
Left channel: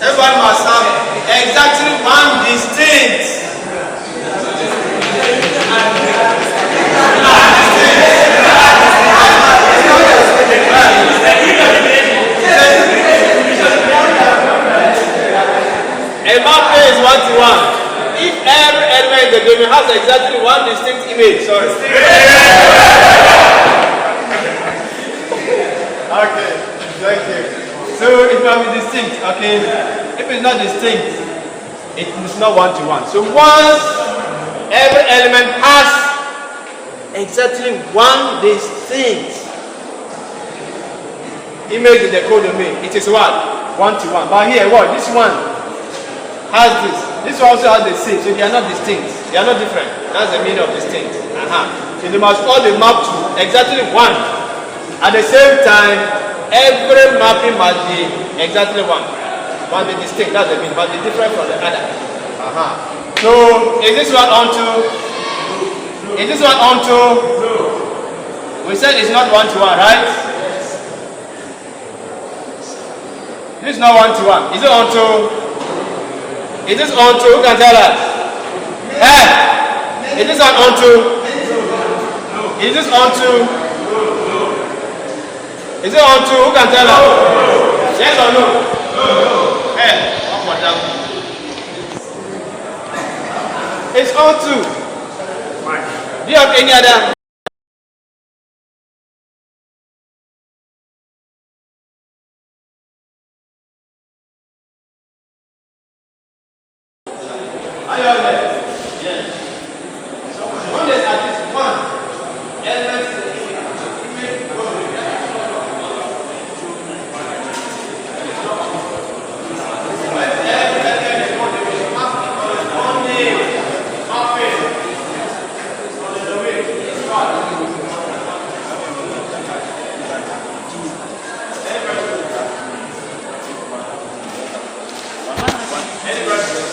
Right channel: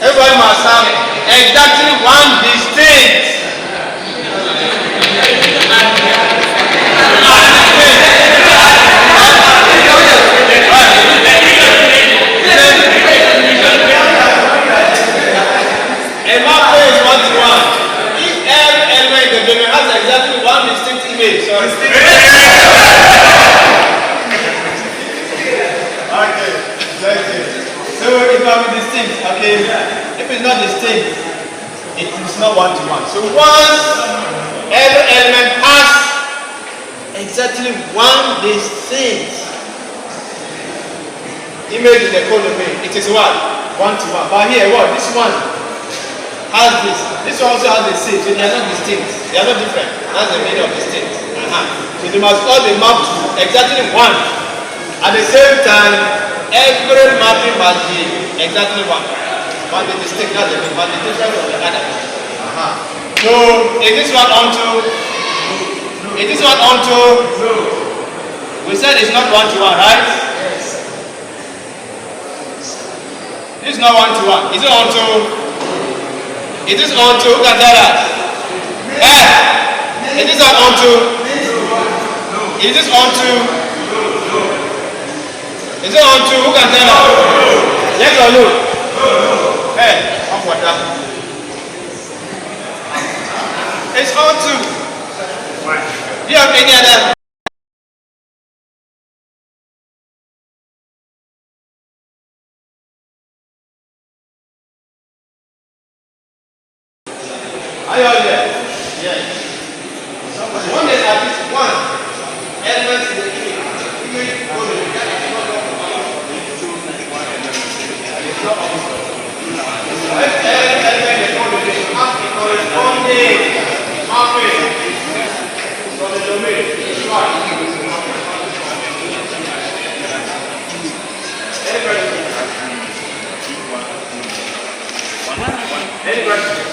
Everybody must have exactly 1 distinct. A map is 1 to 1. If every element in the domain has exactly 1 distinct image. Sorry. Okay, thank you. So it can be distinct, okay? If it's not distinct, it is not 1 to 1. So once every element has exactly 1 distinct image in the codomain, it is what? 1 to 1. But here, what? This one has this. This one also has the same, so they are not distinct. They are not different. That's the meaning of distinct. So they must all be mapped to exactly 1. At the same time, every mapping must be exactly 1. Must be distinct. That's the meaning. Must be different from the other. So is this one onto? Is this one onto? We said it's not 1 to 1, right? This is not 1 to 1. Is it onto? Is this onto? Who can tell us? Is this not onto? Is this onto? Is it onto? Who can tell us? Yes or no? Off for that. It's onto. Why? Do you have any other? Are you all there? Yes. So one is at least 1 element in the image code. Every element in the code has a corresponding Any questions? Any questions?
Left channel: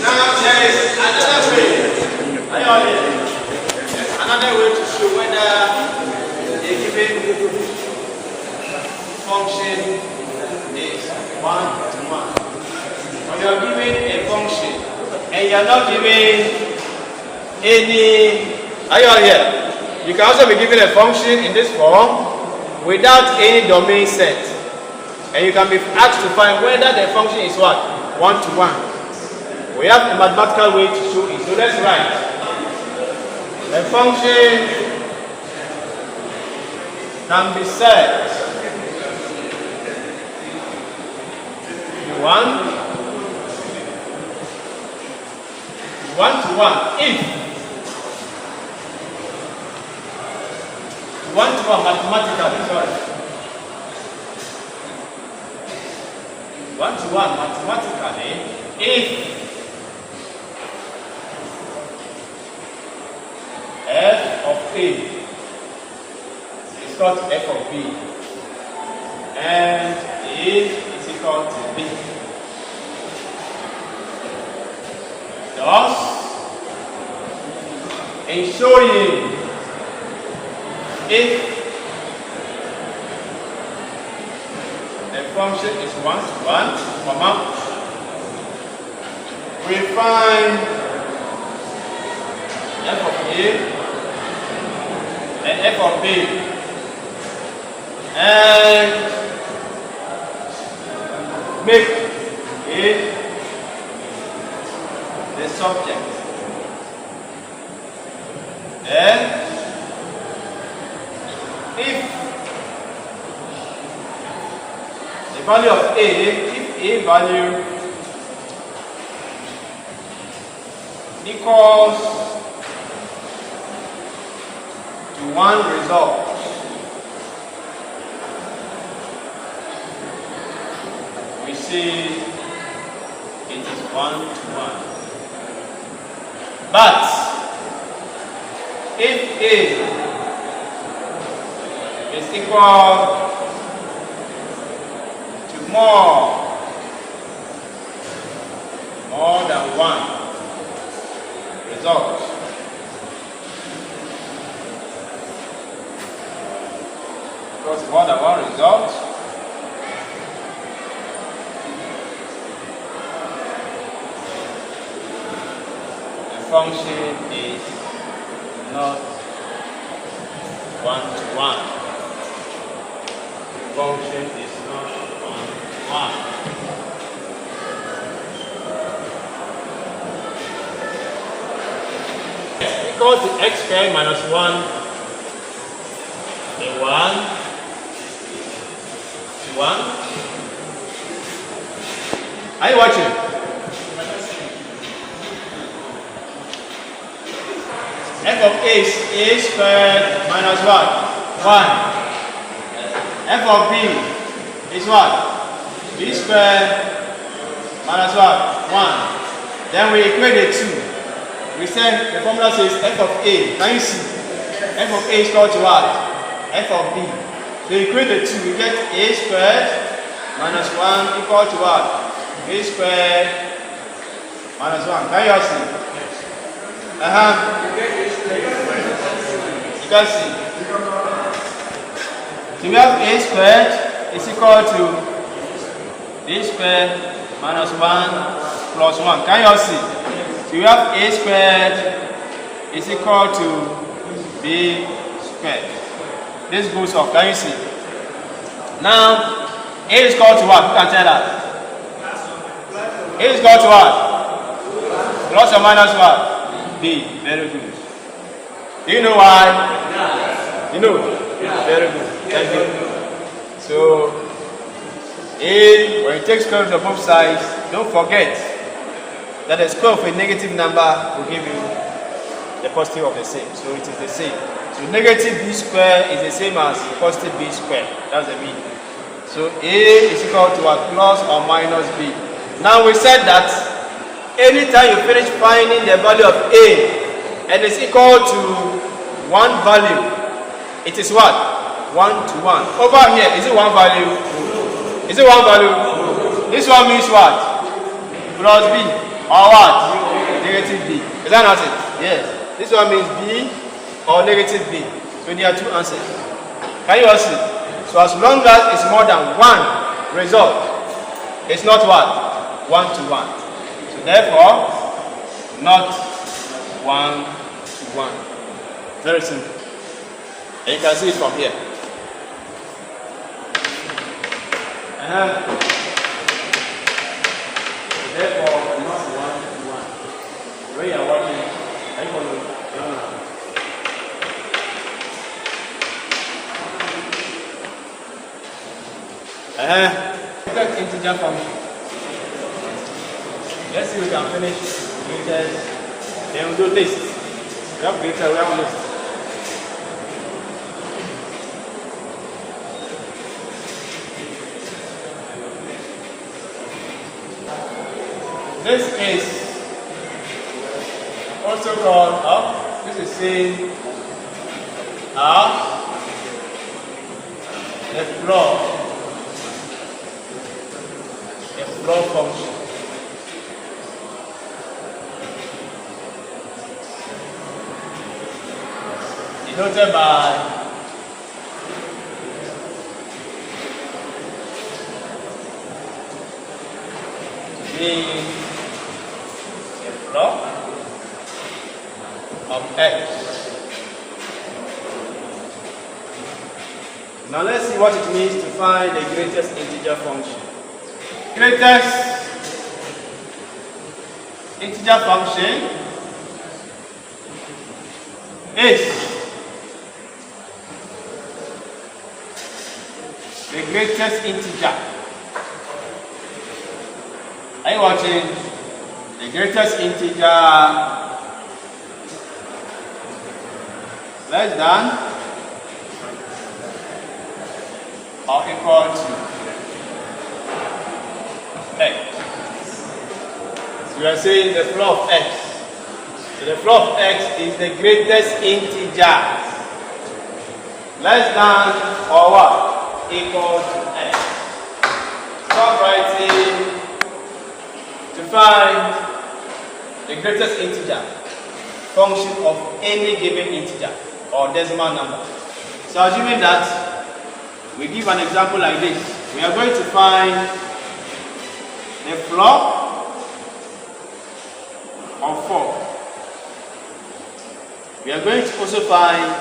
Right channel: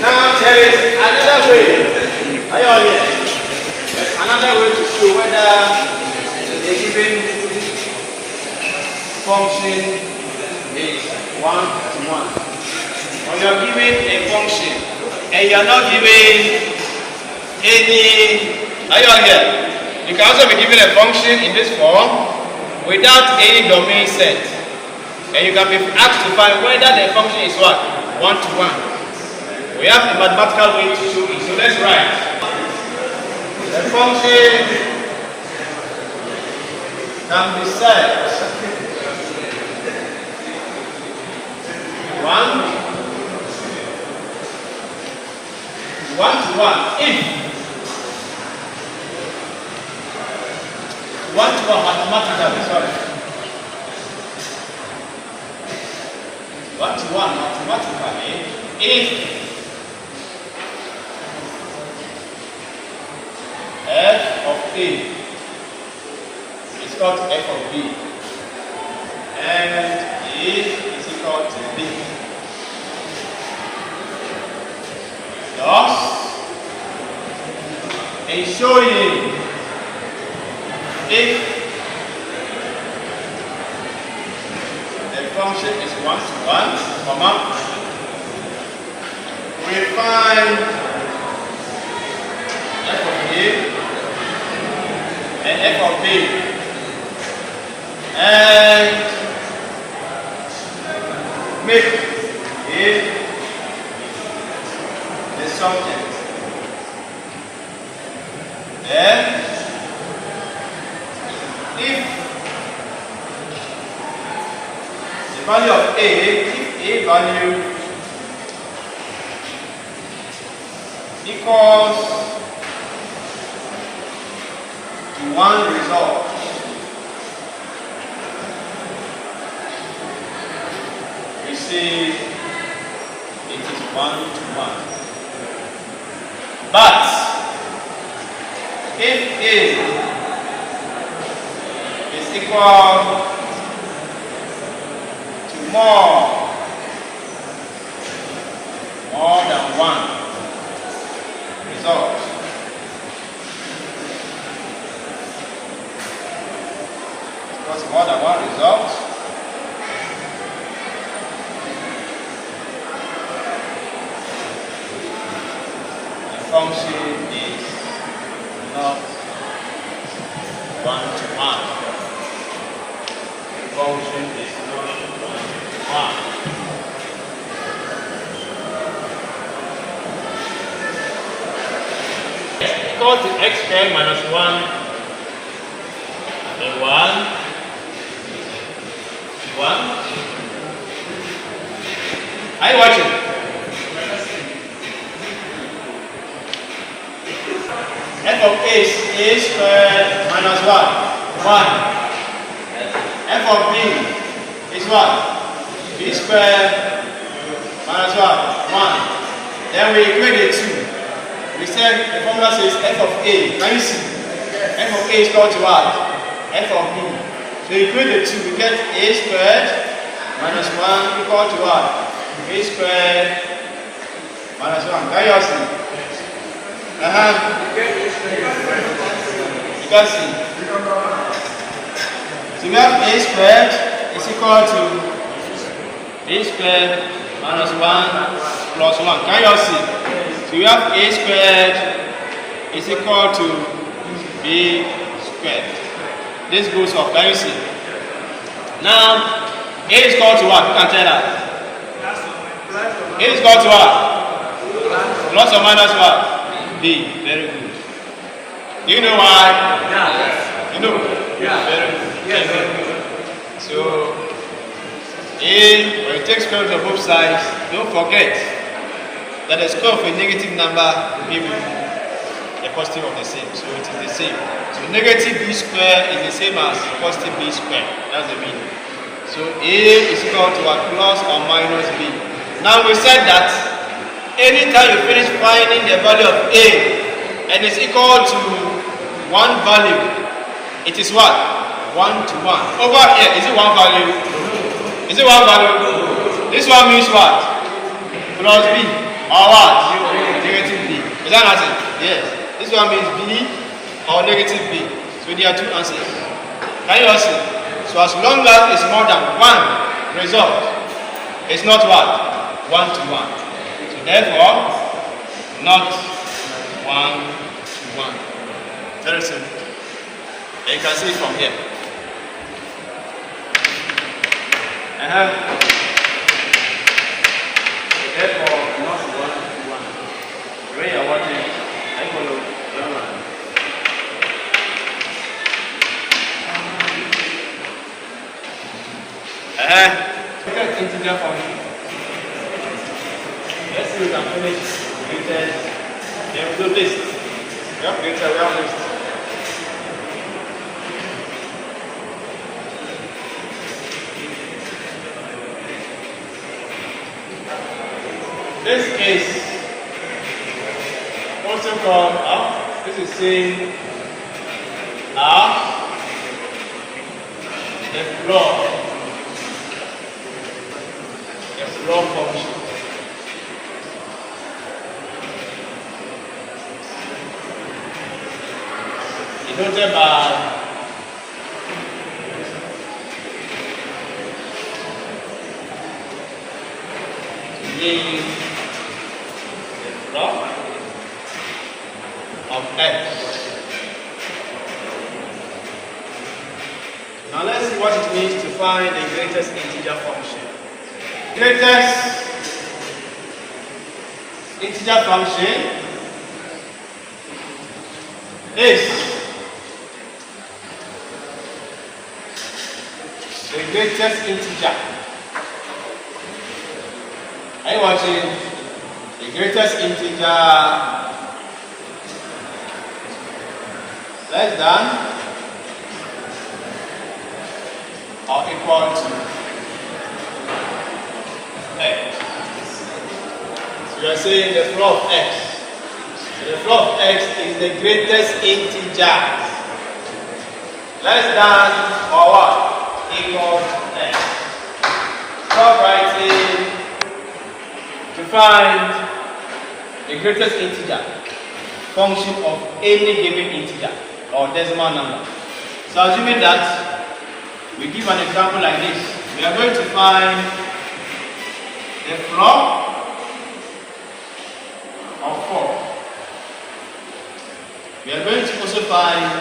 Now there is another way. Are you all here? Another way to show whether a given function is 1 to 1. When you are given a function and you are not given any, are you all here? You can also be given a function in this form without any domain set. And you can be asked to find whether the function is what? 1 to 1. We have a mathematical way to show it. So let's write. The function can be set 1 to 1 if 1 to 1 mathematically, sorry. 1 to 1 mathematically if f of A is equal to f of B and A is equal to B. Thus, in showing if the function is 1 to 1, comma, we find f of A and f of B, and make A the subject. Then, if the value of A, if A value equals to 1 result, we see it is 1 to 1. But if A is equal to more than 1 result, equals more than 1 result, the function is not 1 to 1. The function is not 1 to 1. Equal to x squared minus 1 and 1 to 1. Are you watching? F of A is A squared minus what? 1. F of B is what? B squared minus what? 1. Then we equate the 2. We said the formula says f of A. Can you see? F of A is equal to what? F of B. So you equate the 2, we get A squared minus 1 equal to what? A squared minus 1. Can you all see? You can see. So we have A squared is equal to B squared minus 1 plus 1. Can you all see? So we have A squared is equal to B squared. This goes off. Can you see? Now, A is equal to what? Who can tell us? A is equal to what? Plus or minus what? B. Very good. Do you know why? Yeah. You know? Yeah. Very good. Yes. So, A, when you take square root of both sides, don't forget that the square of a negative number will give you the positive of the same. So it is the same. So negative B square is the same as positive B square. That's the meaning. So A is equal to a plus or minus B. Now we said that anytime you finish finding the value of A and it's equal to one value, it is what? 1 to 1. Over here, is it one value? Is it one value? This one means what? Plus B or what? Negative B. Is that not it? Yes. This one means B or negative B. So there are two answers. Can you all see? So as long as it's more than one result, it's not what? 1 to 1. So therefore, not 1 to 1. Very simple. And you can see it from here. Therefore, not 1 to 1. When you are watching, I follow your man. Integer function. Let's see if we can finish with then we do list. We have list. This is also called this is saying the floor function. Denoted by the floor of X. Now let's see what it means to find the greatest integer function. Greatest integer function is the greatest integer. Are you watching? The greatest integer less than or equal to X. So we are saying the floor of X. So the floor of X is the greatest integer less than or what? Equal to X. Stop writing to find the greatest integer function of any given integer or decimal number. So assuming that we give an example like this, we are going to find the floor of 4. We are going to also find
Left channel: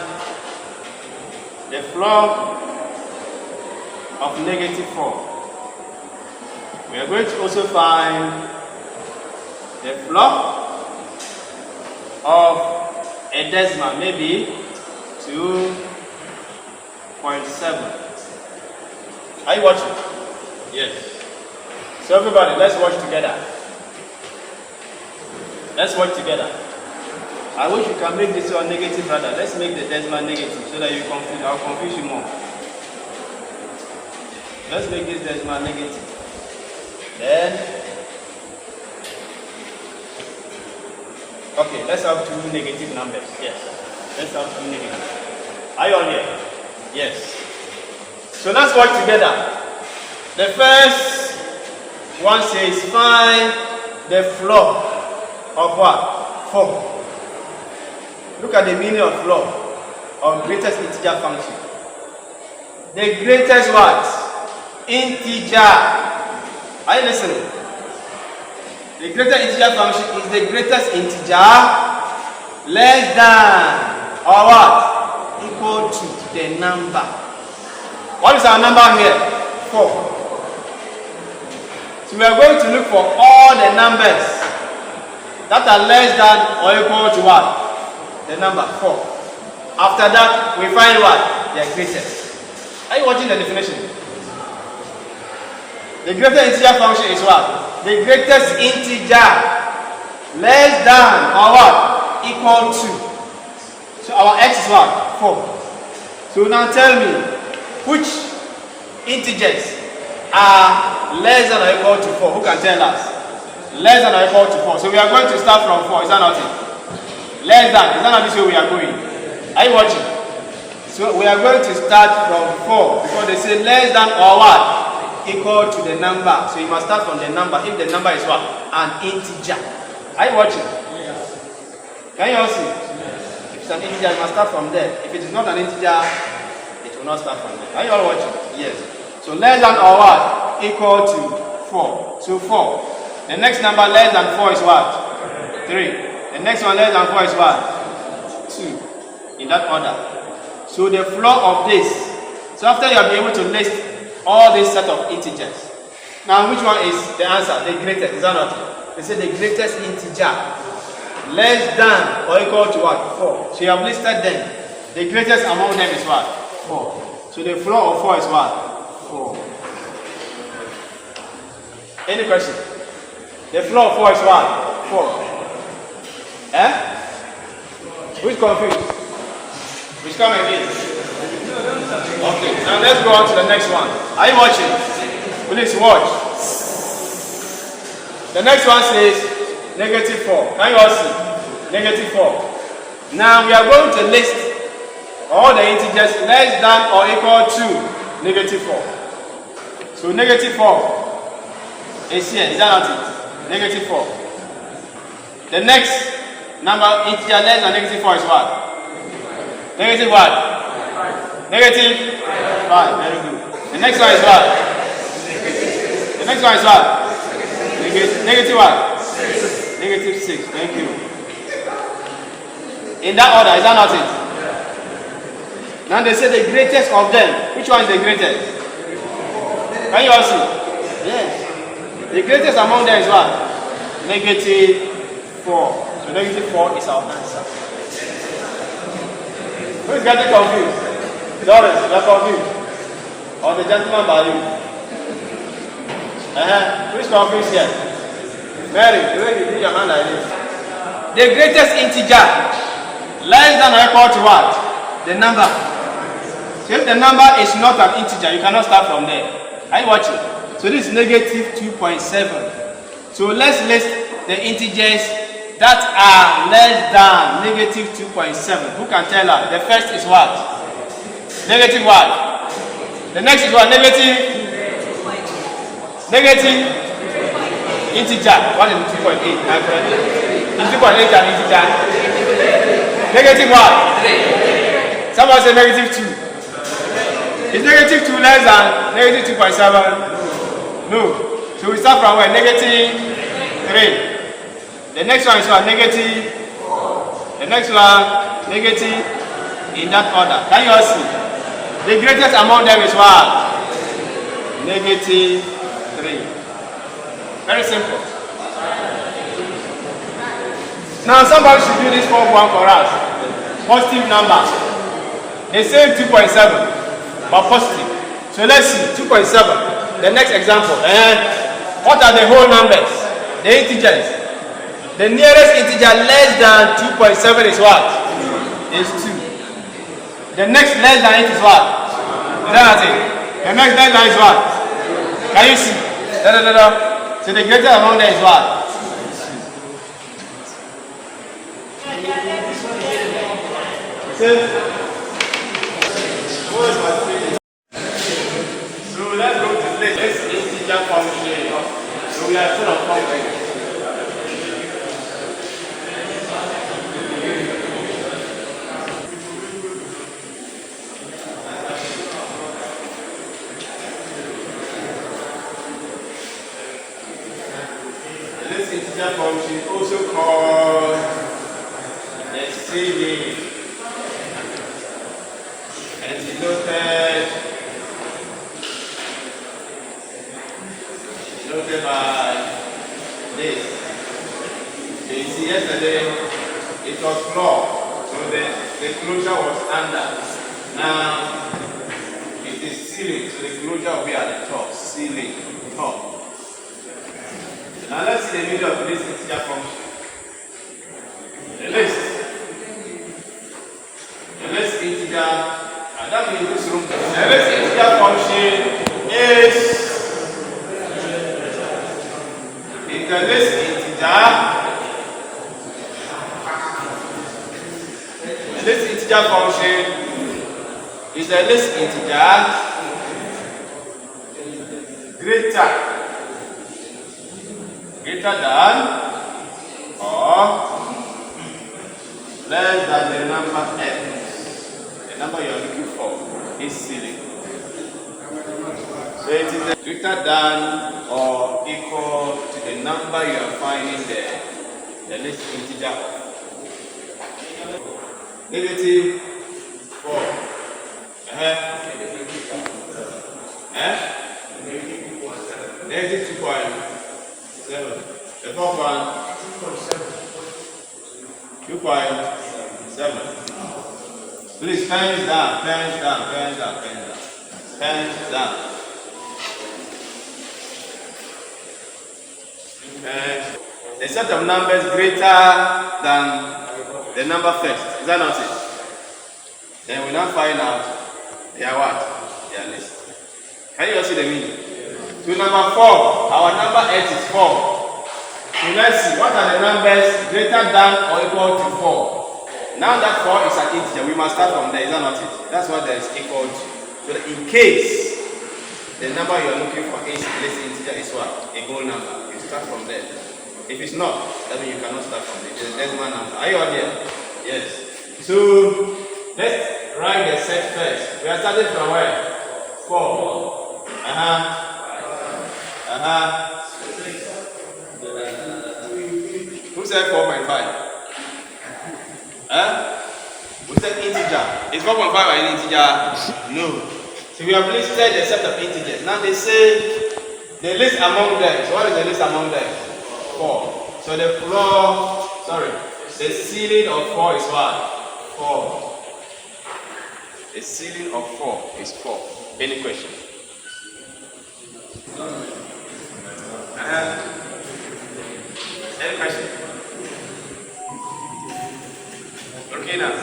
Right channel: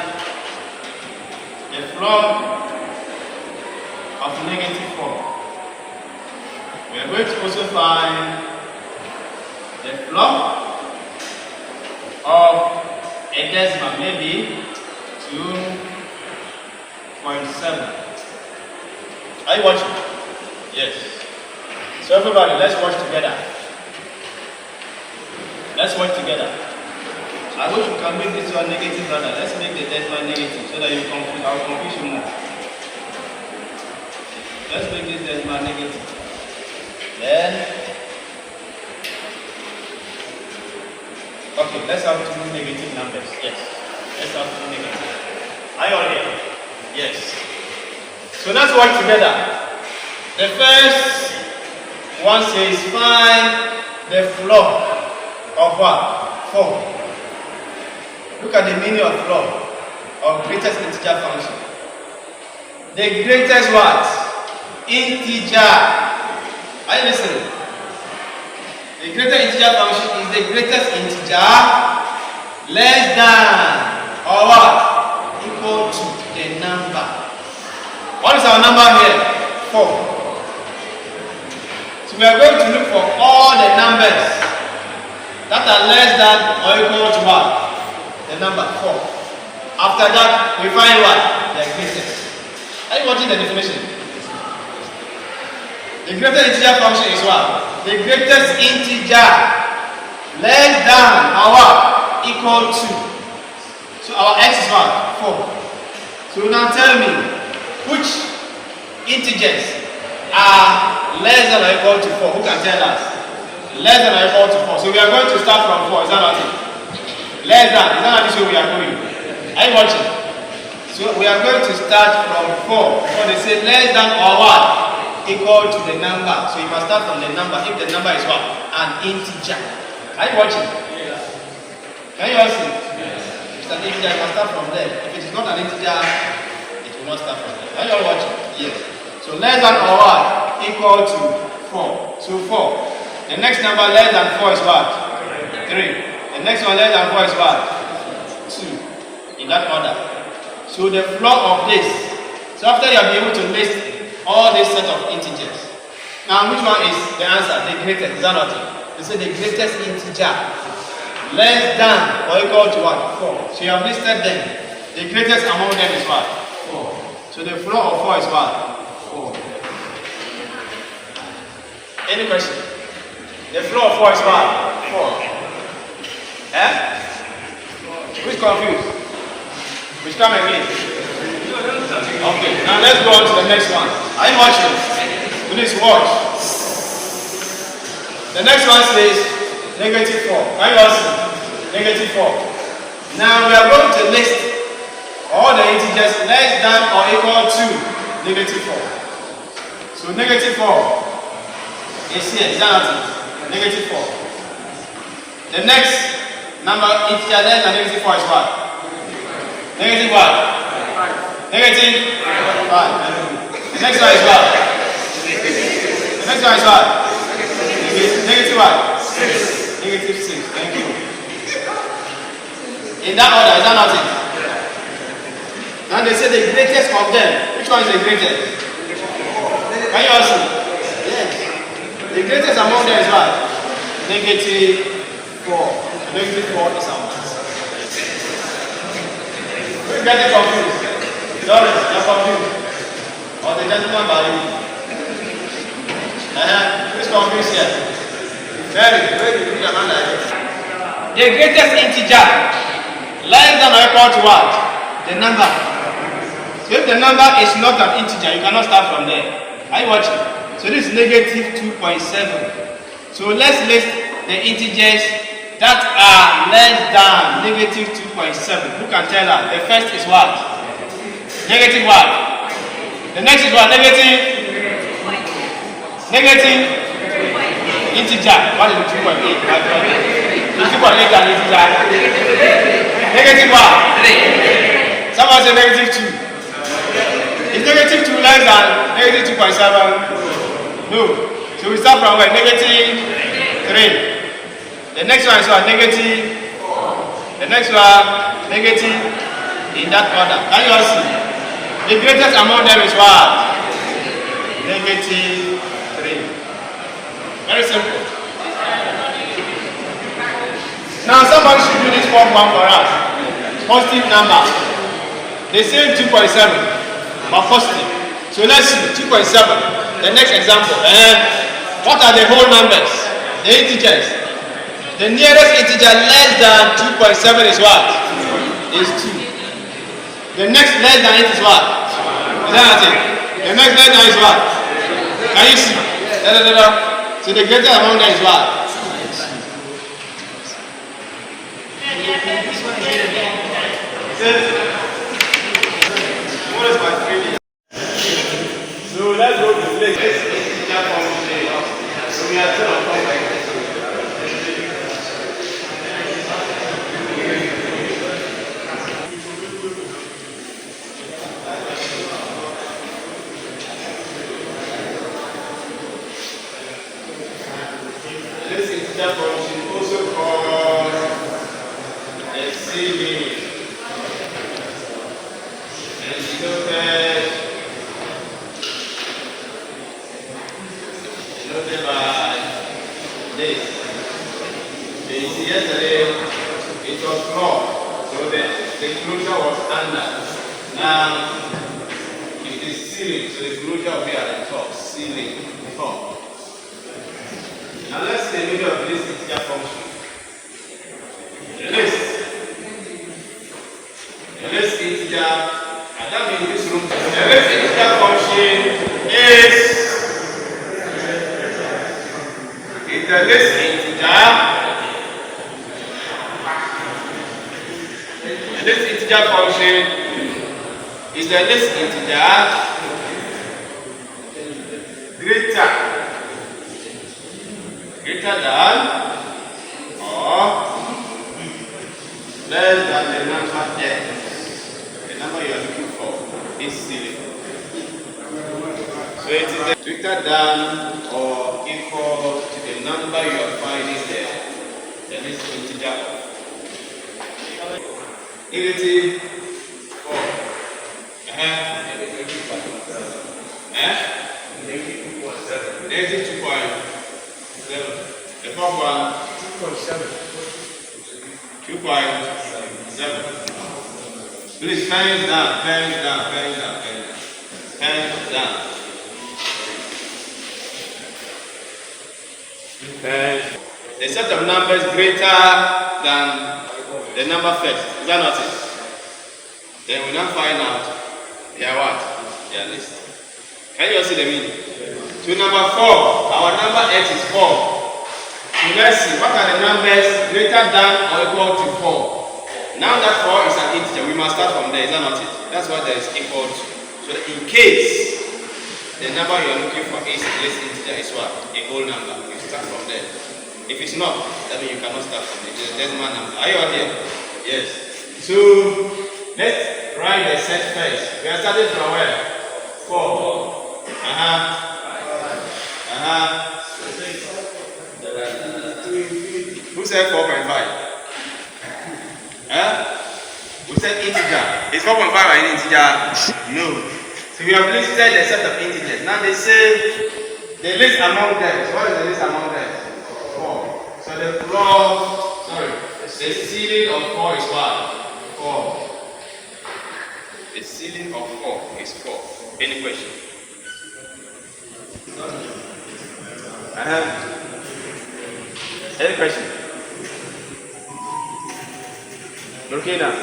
the floor of -4. We are going to also find the floor of a decimal, maybe 2.7. Are you watching? Yes. So everybody, let's watch together. Let's watch together. I wish you can make this one negative rather. Let's make the decimal negative so that you confuse. I'll confuse you more. Let's make this decimal negative. Then, okay, let's have two negative numbers. Yes. Let's have two negative. Are you all here? Yes. So let's work together. The first one says find the floor of what? 4. Look at the meaning of floor of greatest integer function. The greatest what? Integer. Are you listening? The greatest integer function is the greatest integer less than or what? Equal to the number. What is our number here? 4. So we are going to look for all the numbers that are less than or equal to what? The number 4. After that, we find what? Their greatest. Are you watching the definition? The greatest integer function is what? The greatest integer less than or what? Equal to. So our x is what? 4. So now tell me, which integers are less than or equal to 4? Who can tell us? Less than or equal to 4. So we are going to start from 4. Is that not it? Less than. Is that not this way we are going? Are you watching? So we are going to start from 4. So they say less than or what? Equal to the number. So you must start from the number. If the number is what? An integer. Are you watching? Can you all see? If it's an integer, you must start from there. If it is not an integer, it will not start from there. Are you all watching? Yes. So less than or what? Equal to 4. So 4. The next number less than 4 is what? 3. The next one less than 4 is what? 2. In that order. So the floor of this. So after you have been able to list all this set of integers. Now which one is the answer? The greatest. Is that not? They say the greatest integer. Less than or equal to what? 4. So you have listed them. The greatest among them is what? 4. So the floor of 4 is what? 4. Any question? The floor of 4 is what? 4. Eh? Who's confused? Which come again? Okay, now let's go on to the next one. Are you watching? Please watch. The next one says negative 4. Can you all see? Negative 4. Now we are going to list all the integers less than or equal to negative 4. So negative 4 is here. Is that not it? Negative 4. The next number integer less than negative 4 is what? Negative what? Negative 5. Very good. The next one is what? The next one is what? Negative what? 6. Negative 6. Thank you. In that order, is that not it? Now they say the greatest of them. Which one is the greatest? Can you all see? Yes. The greatest among them is what? Negative 4. So negative 4 is our answer. Who is getting confused? Lawrence, you are confused. Or the gentleman by you? Who is confused here? Mary, where did you put your hand like this? The greatest integer less than or equal to what? The number. So if the number is not an integer, you cannot start from there. Are you watching? So this is negative 2.7. So let's list the integers that are less than negative 2.7. Who can tell us? The first is what? Negative what? The next is what? Negative integer. What is 2.8? 2.8 an integer. Negative what? 3. Someone say negative 2. Is negative 2 less than negative 2.7? No. So we start from where? Negative 3. The next one is what? Negative 4. The next one, negative in that order. Can you all see? The greatest among them is what? Negative 3. Very simple. Now somebody should do this fourth one for us. Positive number. The same 2.7, but positive. So let's see, 2.7. The next example. What are the whole numbers? The integers. The nearest integer less than 2.7 is what? Is 2. The next less than it is what? Is that it? The next less than is what? Can you see? So the greatest among them is what? So let's go to place. Let's integer function. So we are still on complex. Function also called a ceiling and denoted by this. You see, yesterday it was floor, so the closure was under. Now it is ceiling, so the closure will be at the top. Ceiling, top. Now let's see the middle of this integer function. The list integer, and that means this room. The list integer function is the least integer. The least integer function is the least integer greater than or less than the number x. The number you are looking for is silly. So it is greater than or equal to the number you are finding there, the least integer of. Negative 4. Negative 2.7. The fourth one, 2.7. Please pens down. A set of numbers greater than the number first. Is that not it? Then we now find out they are what? They are least. Can you all see the meaning? To number 4, our number x is 4. So let's see, what are the numbers greater than or equal to 4? Now that 4 is an integer, we must start from there. Is that not it? That's what there is equal to. So in case the number you are looking for is least integer is what? A whole number. You start from there. If it's not, that means you cannot start from there. It's a decimal number. Are you all here? Yes. So let's write the set first. We are starting from where? 4. Who said 4.5? We said integer. Is 4.5 an integer? No. So we have listed a set of integers. Now they say the least among them. So what is the least among them? 4. So the ceiling of 4 is what? 4. The ceiling of 4 is 4. Any question? Any question? Okay now.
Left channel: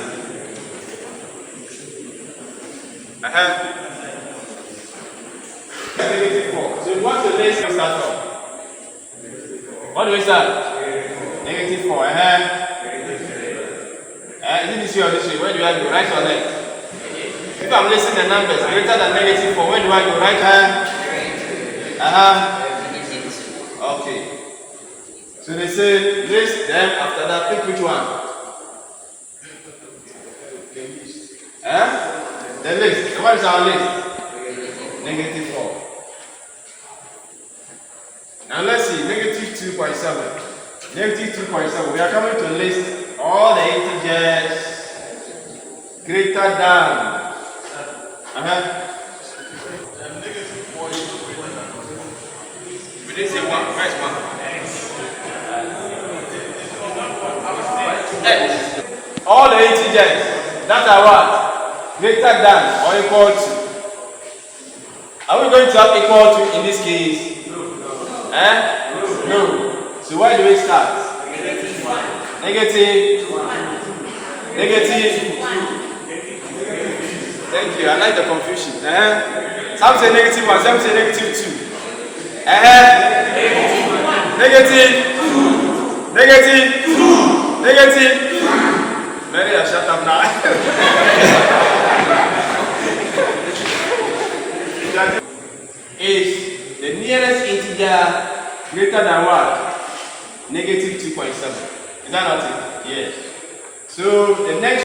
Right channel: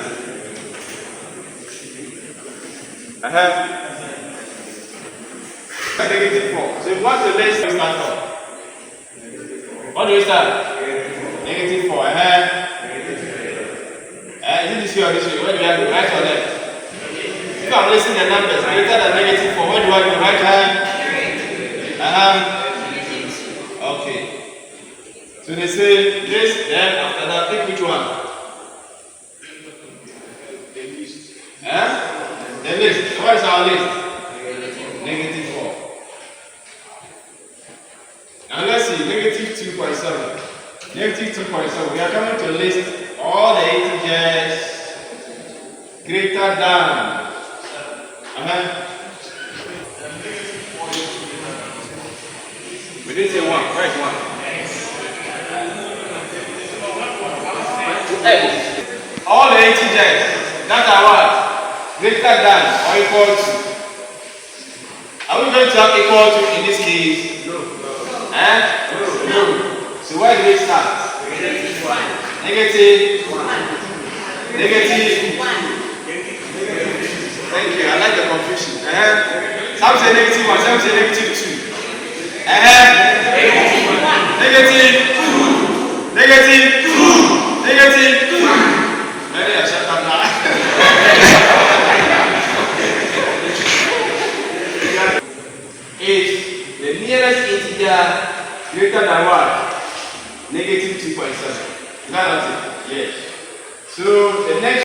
Negative 4. So what do we start from? What do we start? Negative 4. Is it this way or this way? Where do I go? Right or left? If I'm listing the numbers greater than negative 4, where do I go? Right hand? Okay. So they say list, then after that, pick which one? The list. So what is our list? Negative 4. Now let's see, negative 2.7. Negative 2.7. We are coming to list all the integers greater than. We didn't say 1. Where is 1? All the integers that are what? Greater than or equal to. Are we going to have equal to in this case? No. So where do we start? Negative 1. Thank you. I like the confusion. Some say negative 1, some say negative 2. Negative 2. Many are shut up now. If the nearest integer greater than what? Negative 2.7. Is that not it? Yes. So the next